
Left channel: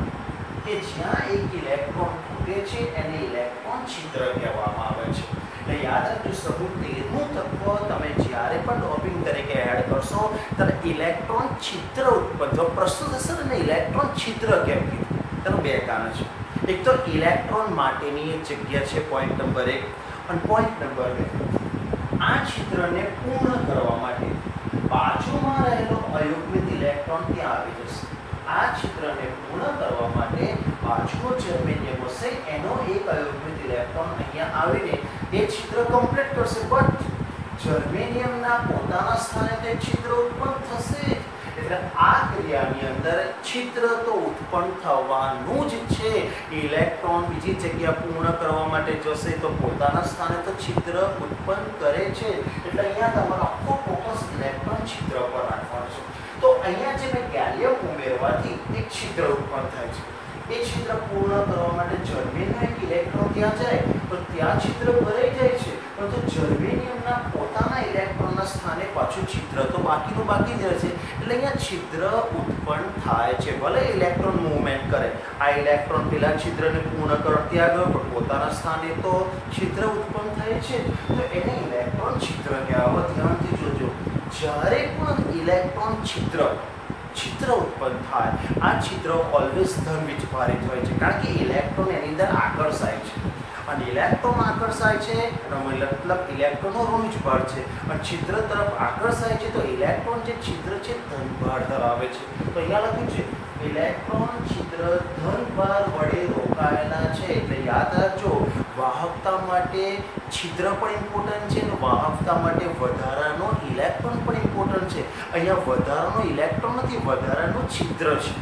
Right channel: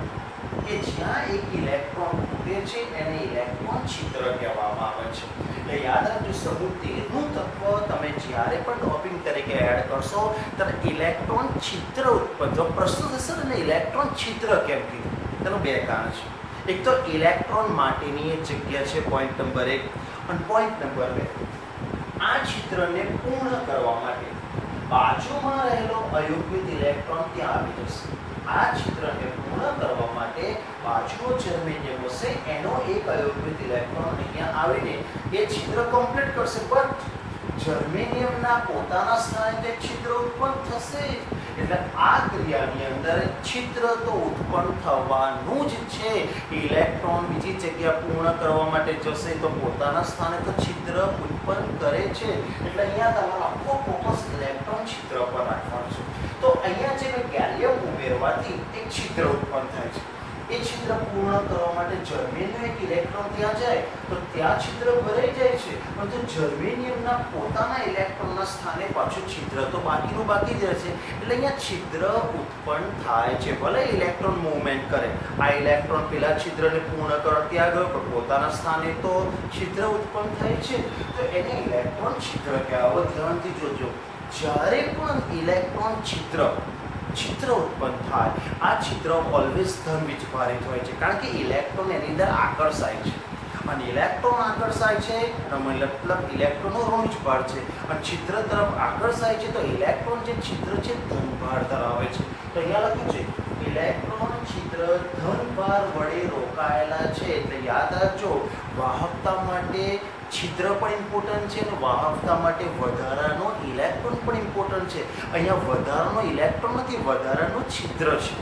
કે જ્યાં 1 ઇલેક્ટ્રોન ખૂટે છે એને ઇલેક્ટ્રોન છિદ્ર કહેવામાં આવે છે. એટલે યાદ રાખજો, સમૂહ 13 નું તત્વ તમે જ્યારે પણ ડોપિંગ તરીકે એડ કરશો ત્યારે ઇલેક્ટ્રોન છિદ્ર ઉત્પન્ન થશે. પ્રશ્ન થશે ને ઇલેક્ટ્રોન છિદ્ર કેમ કીધું? તેનું 2 કારણ છે. એક તો ઇલેક્ટ્રોન માટેની એક જગ્યા છે, પોઈન્ટ નંબર 1, અને પોઈન્ટ નંબર 2, આ છિદ્રને પૂર્ણ કરવા માટે બાજુમાં રહેલો અયુગ્મિત ઇલેક્ટ્રોન ત્યાં આવી જશે. આ છિદ્રને પૂર્ણ કરવા માટે બાજુનો જર્મેનિયમ હશે, એનો 1 અયુગ્મિત ઇલેક્ટ્રોન અહીંયા આવીને એ છિદ્ર કમ્પ્લીટ કરશે. બટ જર્મેનિયમના પોતાના સ્થાને તે છિદ્ર ઉત્પન્ન થશે. એટલે આ ક્રિયાની અંદર છિદ્ર તો ઉત્પન્ન થવાનું જ છે. ઇલેક્ટ્રોન બીજી જગ્યા પૂર્ણ કરવા માટે જશે તો પોતાના સ્થાને તો છિદ્ર ઉત્પન્ન કરે છે. એટલે અહીંયા તમારો આખો ફોકસ ઇલેક્ટ્રોન છિદ્ર પર રાખવાનો છે. તો અહીંયા જે મેં ગેલિયમ ઉમેરવાથી એક છિદ્ર ઉત્પન્ન થાય છે. એ છિદ્ર પૂર્ણ કરવા માટે જર્મેનિયમ 1 ઇલેક્ટ્રોન ત્યાં જાય તો ત્યાં છિદ્ર ભરાઈ જાય છે, પરંતુ જર્મેનિયમના પોતાના ઇલેક્ટ્રોનના સ્થાને પાછું છિદ્ર તો બાકીનું બાકી જ રહે છે. એટલે અહીંયા છિદ્ર ઉત્પન્ન થાય છે. ભલે ઇલેક્ટ્રોન મૂવમેન્ટ કરે, આ ઇલેક્ટ્રોન પેલા છિદ્રને પૂર્ણ કરવા ત્યાં ગયો પણ પોતાના સ્થાને તો છિદ્ર ઉત્પન્ન થાય છે, તો એને ઇલેક્ટ્રોન છિદ્ર કહેવાય. ધ્યાનથી જોજો, જ્યારે પણ ઇલેક્ટ્રોન છિદ્ર ઉત્પન્ન થાય, આ છિદ્ર ઓલવેઝ ધન વીજભારિત હોય છે કારણ કે ઇલેક્ટ્રોન એની અંદર આકર્ષાય છે. અને ઇલેક્ટ્રોન આકર્ષાય છે એનો મતલબ ઇલેક્ટ્રોનનો ઋણભાર છે, અને છિદ્ર તરફ આકર્ષાય છે તો ઇલેક્ટ્રોન જે છિદ્ર છે ધનભાર ધરાવે છે. તો અહીંયા લખ્યું છે ઇલેક્ટ્રોન છિદ્ર ધનભાર વડે રોકાયેલા છે. એટલે યાદ રાખજો, વાહકતા માટે છિદ્ર પણ ઇમ્પોર્ટન્ટ છે અને વાહકતા માટે વધારાનો ઇલેક્ટ્રોન પણ ઇમ્પોર્ટન્ટ છે. અહીંયા વધારાનો ઇલેક્ટ્રોન નથી, વધારાનો છિદ્ર છે.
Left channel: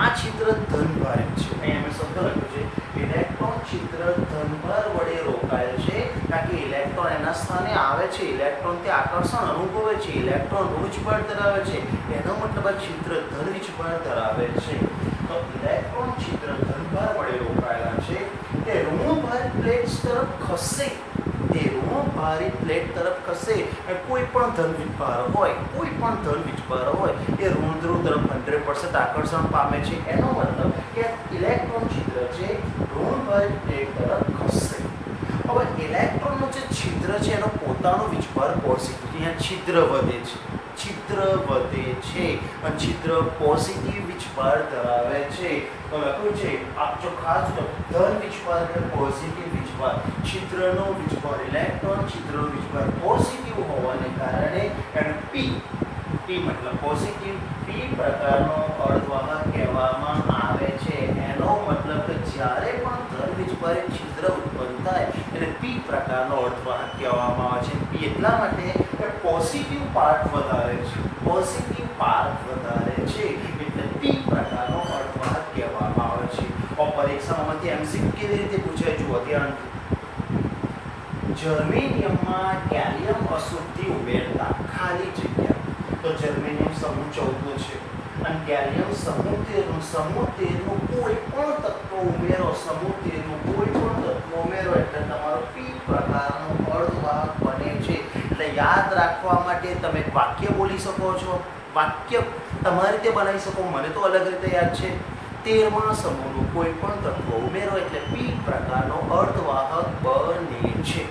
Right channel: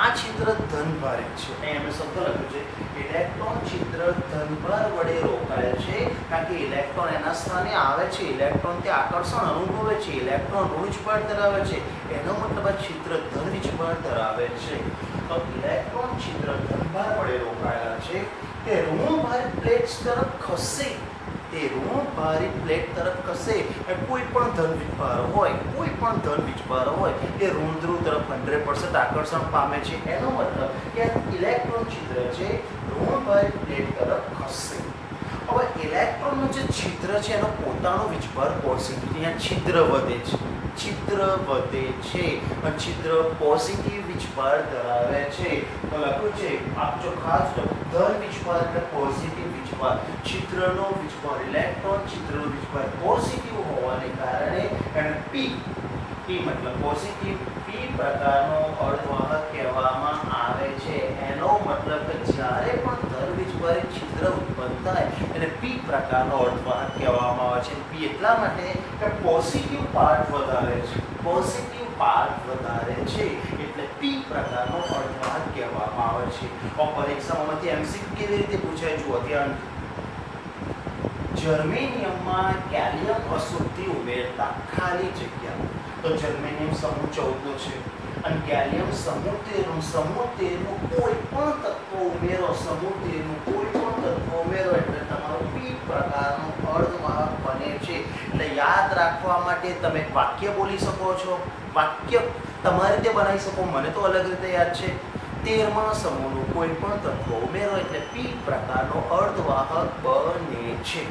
આ છિદ્ર ધનભારિત છે. અહીંયા મેં શબ્દ લખ્યું છે ઇલેક્ટ્રોન છિદ્ર ધનભાર વડે રોકાયેલ છે, કારણ કે ઇલેક્ટ્રોન એના સ્થાને આવે છે, ઇલેક્ટ્રોન તે આકર્ષણ અનુભવે છે, ઇલેક્ટ્રોન ઋણભાર ધરાવે છે, એનો મતલબ આ છિદ્ર ધનવીજભાર ધરાવે છે. તો ઇલેક્ટ્રોન છિદ્ર ધનભાર વડે રોકાયેલા છે તે ઋણભારિત પ્લેટ તરફ ખસે. તે ઋણભારિત પ્લેટ તરફ ખસે. કોઈ પણ ધનવીજભાર હોય, કોઈ પણ ધનવીજભાર હોય એ ઋણ ધ્રુવ તરફ 100% આકર્ષણ પામે છે. એનો મતલબ કે ઇલેક્ટ્રોન છિદ્ર છે ઋણભારિત પ્લેટ તરફ ખસે. હવે ઇલેક્ટ્રોનનું જે છિદ્ર છે એનો પોતાનો વીજભાર પોઝિટિવ, અહીંયા છિદ્ર વધે છે, છિદ્ર વધે છે અને છિદ્ર પોઝિટિવ વીજભાર ધરાવે છે. તો લખ્યું છે આપજો ખાસ ધન વીજભાર એટલે પોઝિટિવ વીજભાર. છિદ્રનો વીજભાર ઇલેક્ટ્રોન, છિદ્રનો વીજભાર પોઝિટિવ હોવાને કારણે એને પી મતલબ પોઝિટિવ પી પ્રકારનો અર્ધવાહક કહેવામાં આવે છે. એનો મતલબ કે જ્યારે પણ ધન વીજભારે છિદ્ર ઉત્પન્ન થાય એને પી પ્રકારનો અર્ધવાહક કહેવામાં આવે છે. પી એટલા માટે કે પોઝિટિવ પાર્ટ વધારે છે, પોઝિટિવ પાર્ટ વધારે છે એટલે પી પ્રકારનો અર્ધવાહક કહેવામાં આવે છે. પરીક્ષામાંથી એમસીક્યુ કેવી રીતે પૂછાય જુઓ ધ્યાન. જર્મેનિયમમાં ગેલિયમ અશુદ્ધિ ઉમેરતા ખાલી જગ્યા. તો જર્મેનિયમ સમૂહ 14 છે અને ગેલિયમ સમૂહ 13નું કોઈ પણ તત્વ ઉમેરો, સમૂહ 13નું કોઈ પણ તત્વ ઉમેરો એટલે તમારો પી પ્રકારનો અર્ધવાહક બને છે. એટલે યાદ રાખવા માટે તમે એક વાક્ય બોલી શકો છો, વાક્ય તમારી રીતે બનાવી શકો. મને તો અલગ રીતે યાદ છે. 13મા સમૂહનું કોઈ પણ તત્વ ઉમેરો એટલે પી પ્રકારનો અર્ધવાહક બને છે.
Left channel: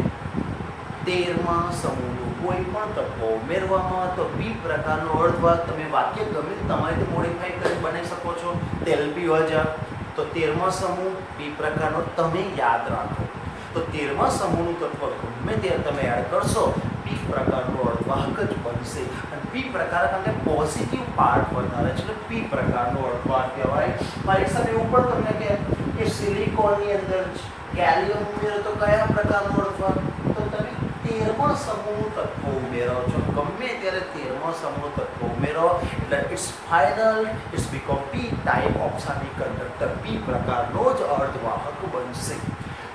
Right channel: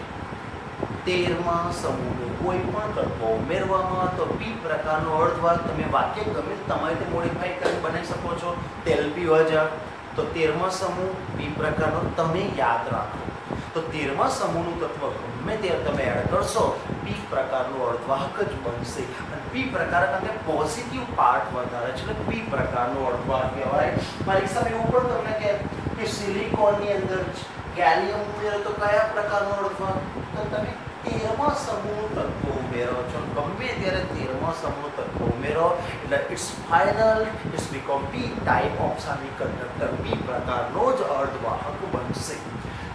13મા સમૂહનું કોઈ પણ તત્વ ઉમેરવામાં તો પી પ્રકારનો અર્ધવાહક. તમે વાક્ય ગમે તે તમારી રીતે મોડિફાઈ કરીને બનાવી શકો છો. તેલ પીવા જા તો 13મા સમૂહ પી પ્રકારનો તમે યાદ રાખો. તો 13મા સમૂહનું તત્વ ગમે તે તમે એડ કરશો પી પ્રકારનો અર્ધવાહક જ બનશે. અને પી પ્રકાર કારણ કે પોઝિટિવ પાર્ટ વધારે છે એટલે પી પ્રકારનો અર્ધવાહક કહેવાય. પરીક્ષા એવું પણ તમને કહે કે સિલિકોનની અંદર ગેલિયમ ઉમેરો તો કયા પ્રકારનો અર્ધવાહક? તો તમે 13મા સમૂહ તત્વો ઉમેરો છો, ગમે ત્યારે 13મા સમૂહ તત્વો ઉમેરો એટલે it's final, it's become P type of semiconductor. P પ્રકારનો જ અર્ધવાહક બનશે.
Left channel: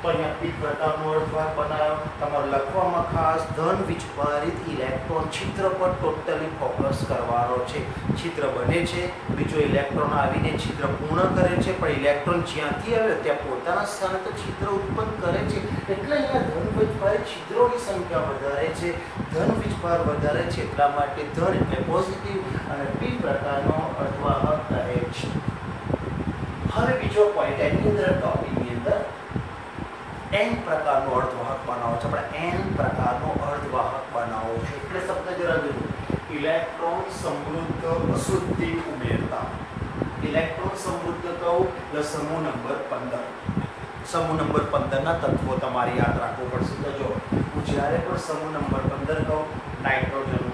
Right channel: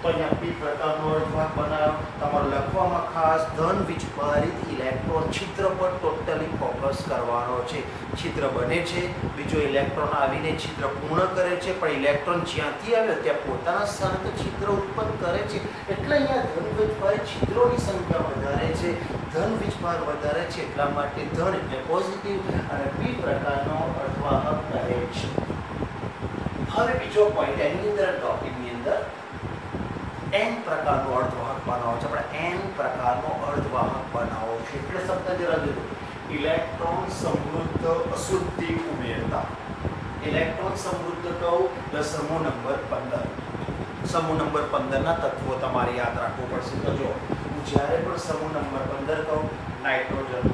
તો અહીંયા પી પ્રકારનો અર્ધવાહક બનાવો. તમારે લખવામાં ખાસ ધન વીજભારિત ઇલેક્ટ્રોન છિદ્ર પર ટોટલી ફોકસ કરવાનો છે. છિદ્ર બને છે, બીજો ઇલેક્ટ્રોન આવીને છિદ્ર પૂર્ણ કરે છે, પણ ઇલેક્ટ્રોન જ્યાંથી આવ્યો ત્યાં પોતાના સ્થાને તો છિદ્ર ઉત્પન્ન કરે છે. એટલે અહીંયા ધન વીજભારિત છિદ્રોની સંખ્યા વધારે છે, ધન વીજભાર વધારે છે એટલા માટે ધન એટલે પોઝિટિવ અને પી પ્રકારનો અર્ધવાહક કહે છે. હવે બીજો પોઈન્ટ એની અંદર ટોપિકની અંદર એન પ્રકારનો અર્ધવાહક બનાવો છે. આપણે એન પ્રકારનો અર્ધવાહક બનાવો છે એટલે શબ્દ જરા જુઓ. ઇલેક્ટ્રોન સમૃદ્ધ અશુદ્ધિ ઉમેરતા. ઇલેક્ટ્રોન સમૃદ્ધ કહું એટલે સમૂહ નંબર 15. સમૂહ નંબર 15ના તત્વો તમારે યાદ રાખવું પડશે. તો જો હું જ્યારે પણ સમૂહ નંબર 15 કહું, નાઇટ્રોજન,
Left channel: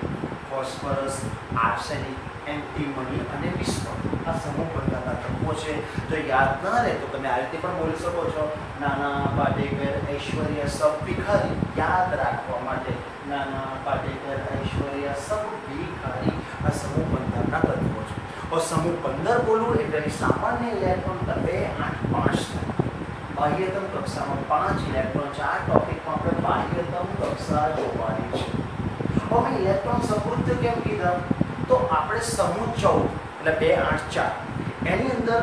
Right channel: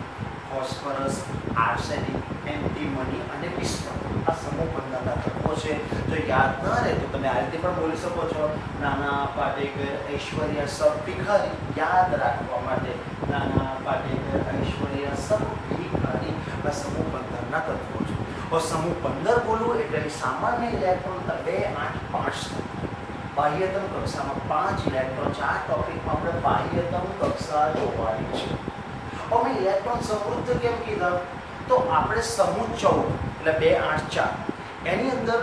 ફોસ્ફરસ, આર્સેનિક, એન્ટીમની અને વિસ્ફોટ, આ સમૂહ 15ના તત્વો છે. જો યાદ ના રહે તો તમે આ રીતે પણ બોલી શકો છો. નાના પાટેકર ઐશ્વર્યા સબ ભિખારી. યાદ રાખવા માટે નાના પાટેકર ઐશ્વર્યા સબ ભિખારી આ સમૂહ 15ના તત્વો છે. और समूह 15 बोलूँ એટલે સામાન્ય ઇલેક્ટ્રોન 2, 8, 5 બાહ્યતમ કક્ષામાં 5 ઇલેક્ટ્રોન છે. આ ટોપિકમાં આપણે બાહ્યતમ કક્ષા જોવાની છે. હવે ઇલેક્ટ્રોન સમૃદ્ધ કેમ કીધા? તો આપણે સમૂહ 14 એટલે 2, 8, 4 એની અંદર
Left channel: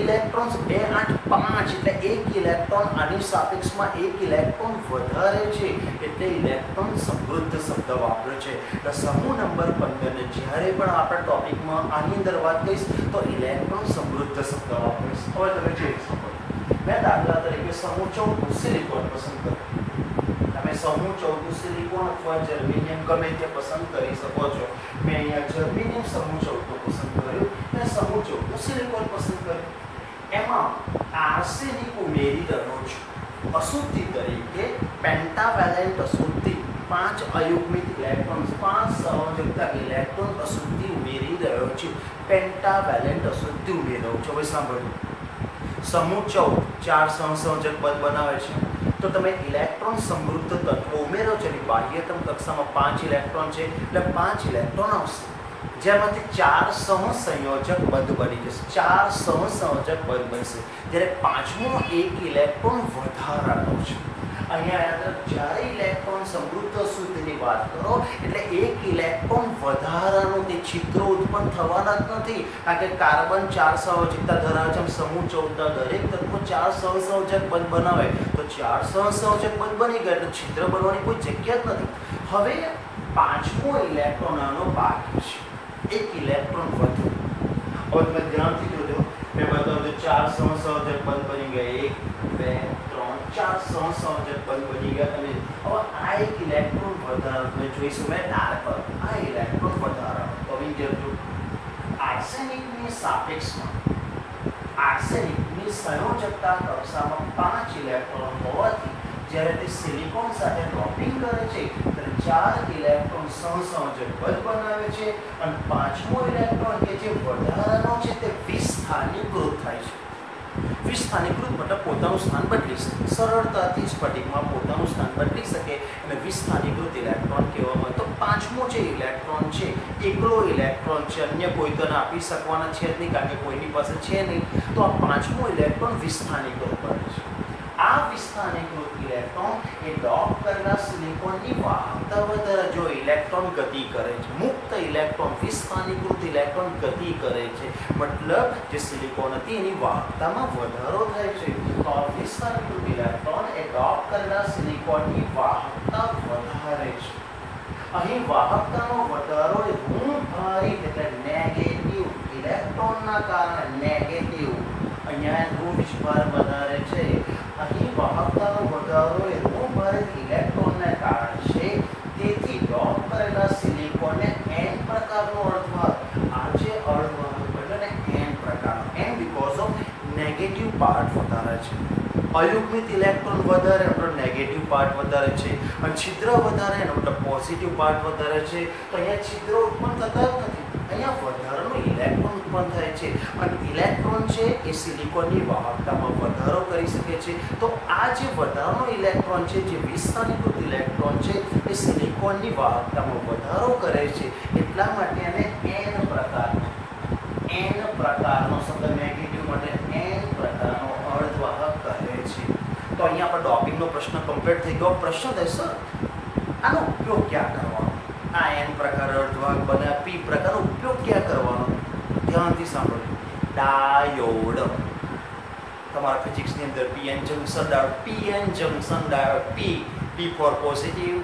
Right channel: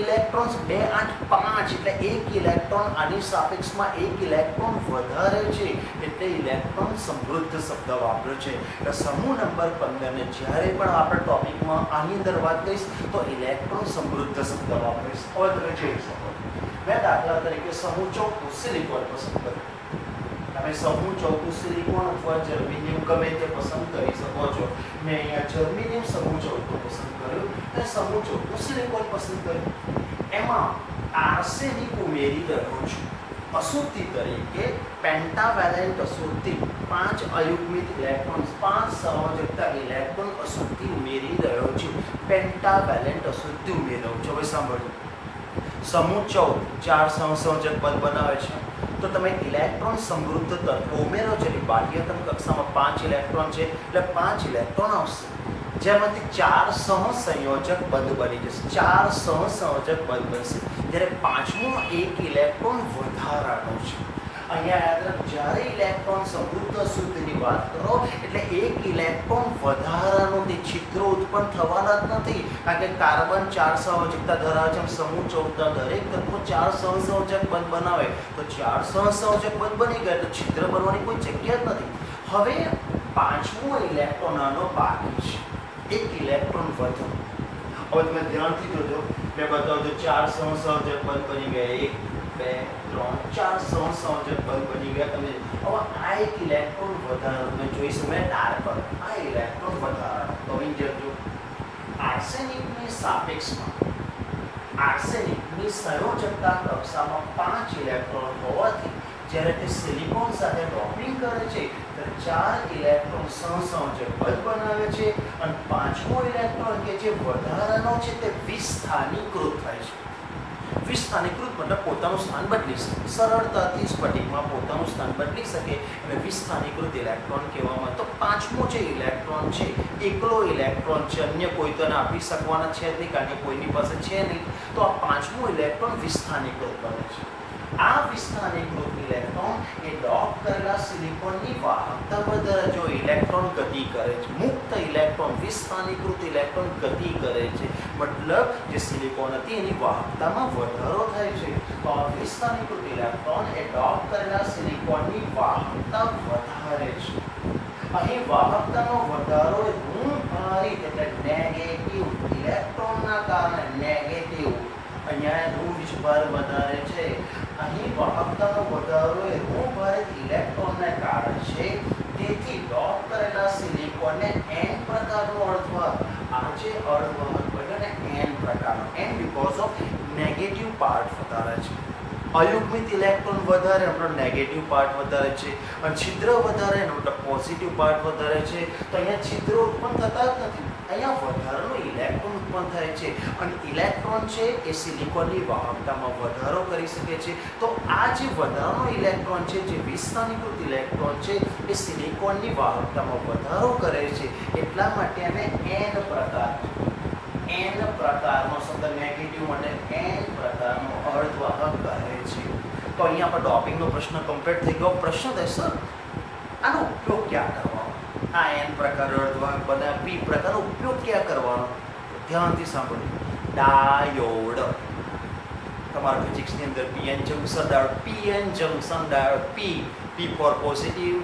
ઇલેક્ટ્રોન્સ 2, 8, 5 એટલે એક ઇલેક્ટ્રોન આની સાપેક્ષમાં એક ઇલેક્ટ્રોન વધારે છે એટલે ઇલેક્ટ્રોન સમૃદ્ધ શબ્દ વાપર્યો છે. એટલે સમૂહ નંબર 15 ને જ્યારે પણ આપણા ટોપિકમાં આની અંદર વાત કરીશ તો ઇલેક્ટ્રોન સમૃદ્ધ શબ્દ વાપરીશ. હવે તમે જોઈ શકો મેં દાખલા તરીકે સમૂહ 14 સિલિકોન પસંદ કર્યો. તમે સમૂહ 14 સિલિકોન અથવા જર્મેનિયમ ગમે તે પસંદ કરી શકો છો. મેં અહીંયા જર્મેનિયમ સમૂહ 14 પસંદ કર્યું અને સમૂહ 14 સિલિકોન પસંદ કર્યું. એમાં આર્સેનિક ઉમેરી રહ્યો છું. અશુદ્ધિ તરીકે પેન્ટાવેલેન્ટ અશુદ્ધિ 5 અયુગ્મિત ઇલેક્ટ્રોન્સ 5 સંયોજકતા ઇલેક્ટ્રોન અશુદ્ધિ ઉમેરી રહ્યો છું. પેન્ટાવેલેન્ટ અશુદ્ધિ ઉમેરી રહ્યો છું. હવે સાંભળજો, સમૂહ 14 4 સંયોજક પદ બનાવે છે. તો તમે ઇલેક્ટ્રોન સમૃદ્ધ તત્વો ઉમેરો છો. બાહ્યતમ કક્ષામાં 5 ઇલેક્ટ્રોન છે એટલે 5 ઇલેક્ટ્રોન આવશે, જેમાંથી 4 સહસંયોજક પદ બની જશે. 4 સહસંયોજક પદ બનશે, જ્યારે પાંચમો એક ઇલેક્ટ્રોન વધારાનો છે. અહીંયા યાદ રાખો, જ્યારે ઇલેક્ટ્રોન સમૃદ્ધ અશુદ્ધિની વાત કરો એટલે એક ઇલેક્ટ્રોન વધારાનો તે છિદ્રો ઉત્પન્ન થવાના જ નથી, કારણ કે કાર્બન 4 સંયોજકતા ધરાવે છે. સમૂહ 14 દરેક તત્વો 4 સહસંયોજક પદ બનાવે, તો 4 સહસંયોજક પદ બની ગયા એટલે છિદ્ર બનવાની કોઈ જગ્યા જ નથી. હવે પાંચમો ઇલેક્ટ્રોન આનો બાકી છે, એક ઇલેક્ટ્રોન વધુ. હવે તમે ધ્યાનથી જોજો, મેં બતાવજો 4 સહસંયોજક પદ બની ગયા, 1 2 3 4 સહસંયોજક પદ બની ગયા. તમે હવે આ એક ઇલેક્ટ્રોન વધારાનો તમે જોઈશું, મેં ડાર્ક પર આ ઇલેક્ટ્રોન વધારાનો. તો અહીં જોજો, આર્સેનિકની સાપેક્ષમાં આર્સેનિકની સંયોજકતા કક્ષામાં 5 ઇલેક્ટ્રોન હોવાથી જ્યારે તે સિલિકોન સાથે ડોપિંગ કરે છે ત્યારે 4 ઇલેક્ટ્રોન સહસંયોજક પદ બનાવે છે અને પાંચમો ઇલેક્ટ્રોન કે જે વધારાનો છે તે વિસ્થાનીકૃત થાય છે. વિસ્થાનીકૃત મતલબ પોતાનું સ્થાન બદલી શકે, સરળતાથી સ્ફટિકમાં પોતાનું સ્થાન બદલી શકે અને વિસ્થાનીકૃત ઇલેક્ટ્રોન કહેવામાં. તો પાંચમો જે ઇલેક્ટ્રોન છે એકલો ઇલેક્ટ્રોન છે, અન્ય કોઈ તો આપી શકવાના છે જ નહીં, કારણ કે કોઈની પાસે છે નહીં. તો આ પાંચમો ઇલેક્ટ્રોન વિસ્થાનીકૃત બને છે. આ વિસ્થાનીકૃત ઇલેક્ટ્રોન એ ડોપ કરેલા સિલિકોનની વાહકતા વધારે. જો ઇલેક્ટ્રોન ગતિ કરે છે, મુક્ત ઇલેક્ટ્રોન વિસ્થાનીકૃત ઇલેક્ટ્રોન ગતિ કરે છે, મતલબ જે સિલિકોન હતી એની વાહકતામાં વધારો થાય છે. તો આ વિસ્થાનીકૃત ઇલેક્ટ્રોન એ ડોપ કરેલા સિલિકોનની વાહકતા વધારે છે. અહીં વાહકતાનો વધારો એ ઋણભારિત એટલે નેગેટિવ ઇલેક્ટ્રોનના કારણે નેગેટિવ, અહીંયા ઋણભાર વધારે છે. અહીં વાહકતાનો વધારો એ ઋણભારિત ઇલેક્ટ્રોનને કારણે છે. તેથી ડોપ કરેલા સિલિકોનને n પ્રકારનો અર્ધવાહક, આ જે અર્ધવાહક બન્યો ને n પ્રકારનો, n because of negative part વધારે છે. અયુગ્મિત ઇલેક્ટ્રોન વધારે મતલબ નેગેટિવ પાર્ટ વધારે છે, અને છિદ્ર વધારે એનો મતલબ પોઝિટિવ પાર્ટ વધારે છે. તો અહીંયા છિદ્રો ઉત્પન્ન થતા જ નથી, અહીંયા વધારાનો ઇલેક્ટ્રોન ઉત્પન્ન થાય છે. અને ઇલેક્ટ્રોન છે એ સિલિકોનની વાહકતામાં વધારો કરી શકે છે. તો આ જે વધારાનો ઇલેક્ટ્રોન છે, જે વિસ્થાનીકૃત ઇલેક્ટ્રોન છે, એ સિલિકોનની વાહકતામાં વધારો કરે છે. એટલા માટે એને n પ્રકારનો શબ્દ નેગેટિવ માટે n પ્રકારનો અર્ધવાહક કહે છે. તો અહીંયા આપણે ડોપિંગનો પ્રશ્ન કમ્પ્લીટ થઈ ગયો. પ્રશ્ન થાય સર આનો ઉપયોગ ક્યાં કરવાનો? આ n પ્રકાર અર્ધવાહક બને, p પ્રકારનો ઉપયોગ ક્યાં કરવાનો? ધ્યાનથી સાંભળો. ડાયોડ, તમારા ફિઝિક્સની અંદર pn junction diode, p for positive,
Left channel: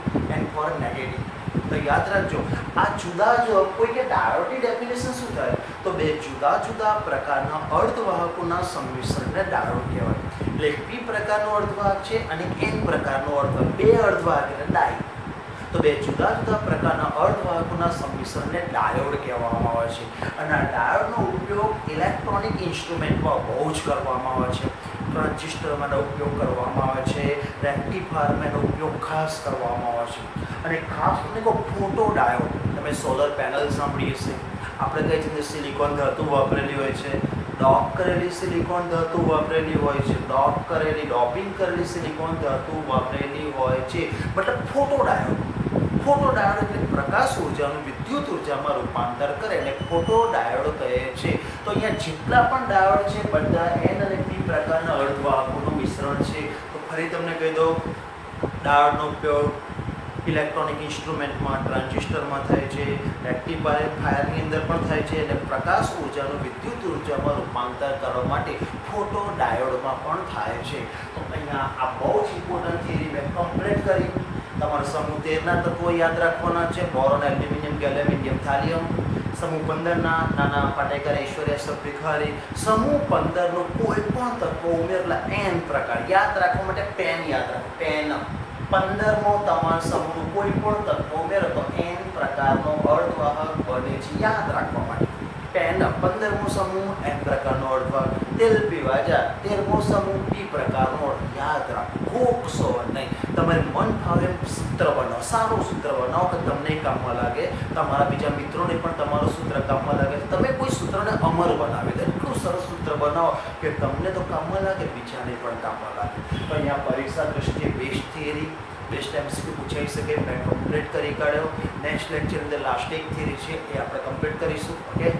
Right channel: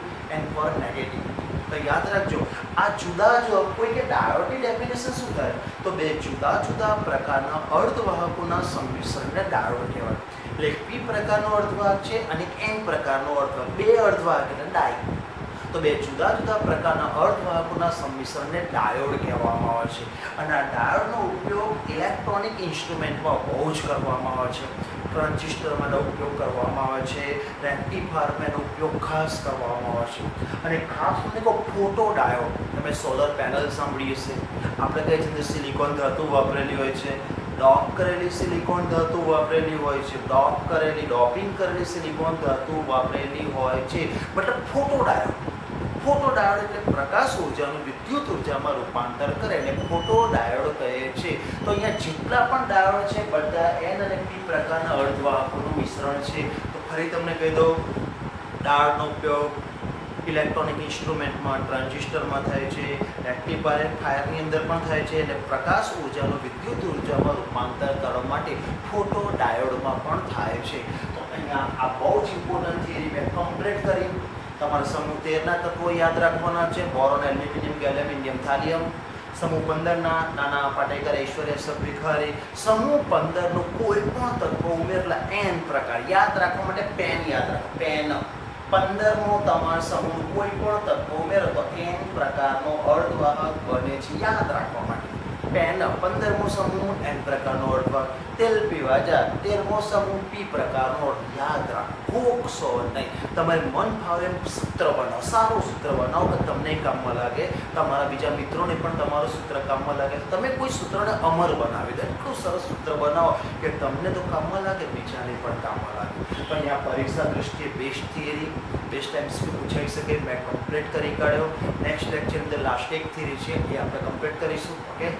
n for negative. તો યાદ રાખજો, આ જુદા જો કોઈ કે ડાયોડની ડેફિનેશન શું થાય? તો બે જુદા જુદા પ્રકારના અર્ધવાહકોના સંમિશ્રણને ડાયોડ કહેવાય. એટલે p પ્રકારનો અર્ધવાહક છે અને n પ્રકારનો અર્ધવાહક, બે અર્ધવાહક એટલે ડાય. તો બે જુદા જુદા પ્રકારના અર્ધવાહકોના સંમિશ્રણને ડાયોડ કહેવામાં આવે છે. અને આ ડાયોડનો ઉપયોગ ઇલેક્ટ્રોનિક ઇન્સ્ટ્રુમેન્ટમાં બહુ જ કરવામાં આવે છે. ટ્રાન્ઝિસ્ટરમાંનો ઉપયોગ કરવામાં આવે છે, રેક્ટિફાયરમાં એનો ઉપયોગ ખાસ કરવામાં આવે છે. અને ખાસ તમને કહો ફોટો ડાયોડ, તમે સોલર પેનલ સાંભળી હશે. આપણે કહીએ છીએ સિલિકોન ધાતુ વાપરેલી હોય છે, ડોપ કરેલી સિલિકોન ધાતુ વાપરેલી હોય છે, ડોપિંગ કરેલી સિલિકોન ધાતુ વાપરેલી હોય છે. મતલબ ફોટો ડાયોડ. ફોટો ડાયોડ એટલે પ્રકાશ ઉર્જાનું વિદ્યુત ઉર્જામાં રૂપાંતર કરે એટલે ફોટો ડાયોડ કહે છે. તો અહીંયા જેટલા પણ ડાયોડ છે બધા n અને p પ્રકારના અર્ધવાહકોનું મિશ્રણ છે. તો ફરી તમને કહી દઉં, ડાયોડનો ઉપયોગ ઇલેક્ટ્રોનિક ઇન્સ્ટ્રુમેન્ટમાં, ટ્રાન્ઝિસ્ટરમાં થાય છે, રેક્ટિફાયરની અંદર પણ થાય છે, અને પ્રકાશ ઉર્જાનું વિદ્યુત ઉર્જામાં રૂપાંતર કરવા માટે ફોટો ડાયોડમાં પણ થાય છે. તો અહીંયા આ બહુ જ ઇમ્પોર્ટન્ટ થિયરી મેં કમ્પ્લીટ કરી. તમારે સમૂહ 13ના તત્વો યાદ રાખવાના છે, બોરોન, એલ્યુમિનિયમ, ગેલિયમ, ઇન્ડિયમ, થાલિયમ. સમૂહ 15ના નાના પાટેકર, ઐશ્વર્યા, સભ્યખારી. સમૂહ 15નું કોઈ પણ તત્વ ઉમેરેલા n પ્રકાર યાદ રાખવા માટે પેન યાદ રાખો, પેન. 15મો તમારા સમૂહનું કોઈ પણ તત્વ ઉમેરો તો n પ્રકારનો અર્ધવાહક બને છે, યાદ રાખવા માટે. પેન 15મો સમૂહ એન પ્રકારનો અર્થભાગ, તેલ પીવા જા 13મો સમૂહ પી પ્રકારનો અર્થ. યાદ રાખો, ગોખશો નહીં. તમારે મન ફાવે એમ સૂત્ર બનાવો, સારું સૂત્ર બનાવો કે તમને કામમાં લાગે, તમારા બીજા મિત્રોને પણ તમારું સૂત્ર કામમાં લાગે. તમે કોઈ સૂત્રને અમર બનાવી દો, એટલું સરસ સૂત્ર બનાવો કે તમને તો કામમાં લાગે, બીજાને પણ કામમાં લાગે. તો અહીંયા પરીક્ષા દ્રષ્ટિએ બેસ્ટ થિયરી, બેસ્ટ એમસીક્યુ પૂછાઈ શકે મેં કમ્પ્લીટ કરી કાઢ્યો. નેક્સ્ટ લેક્ચર અંદર લાસ્ટ એક થિયરી છે એ આપણે કમ્પ્લીટ કરીશું. ઓકે.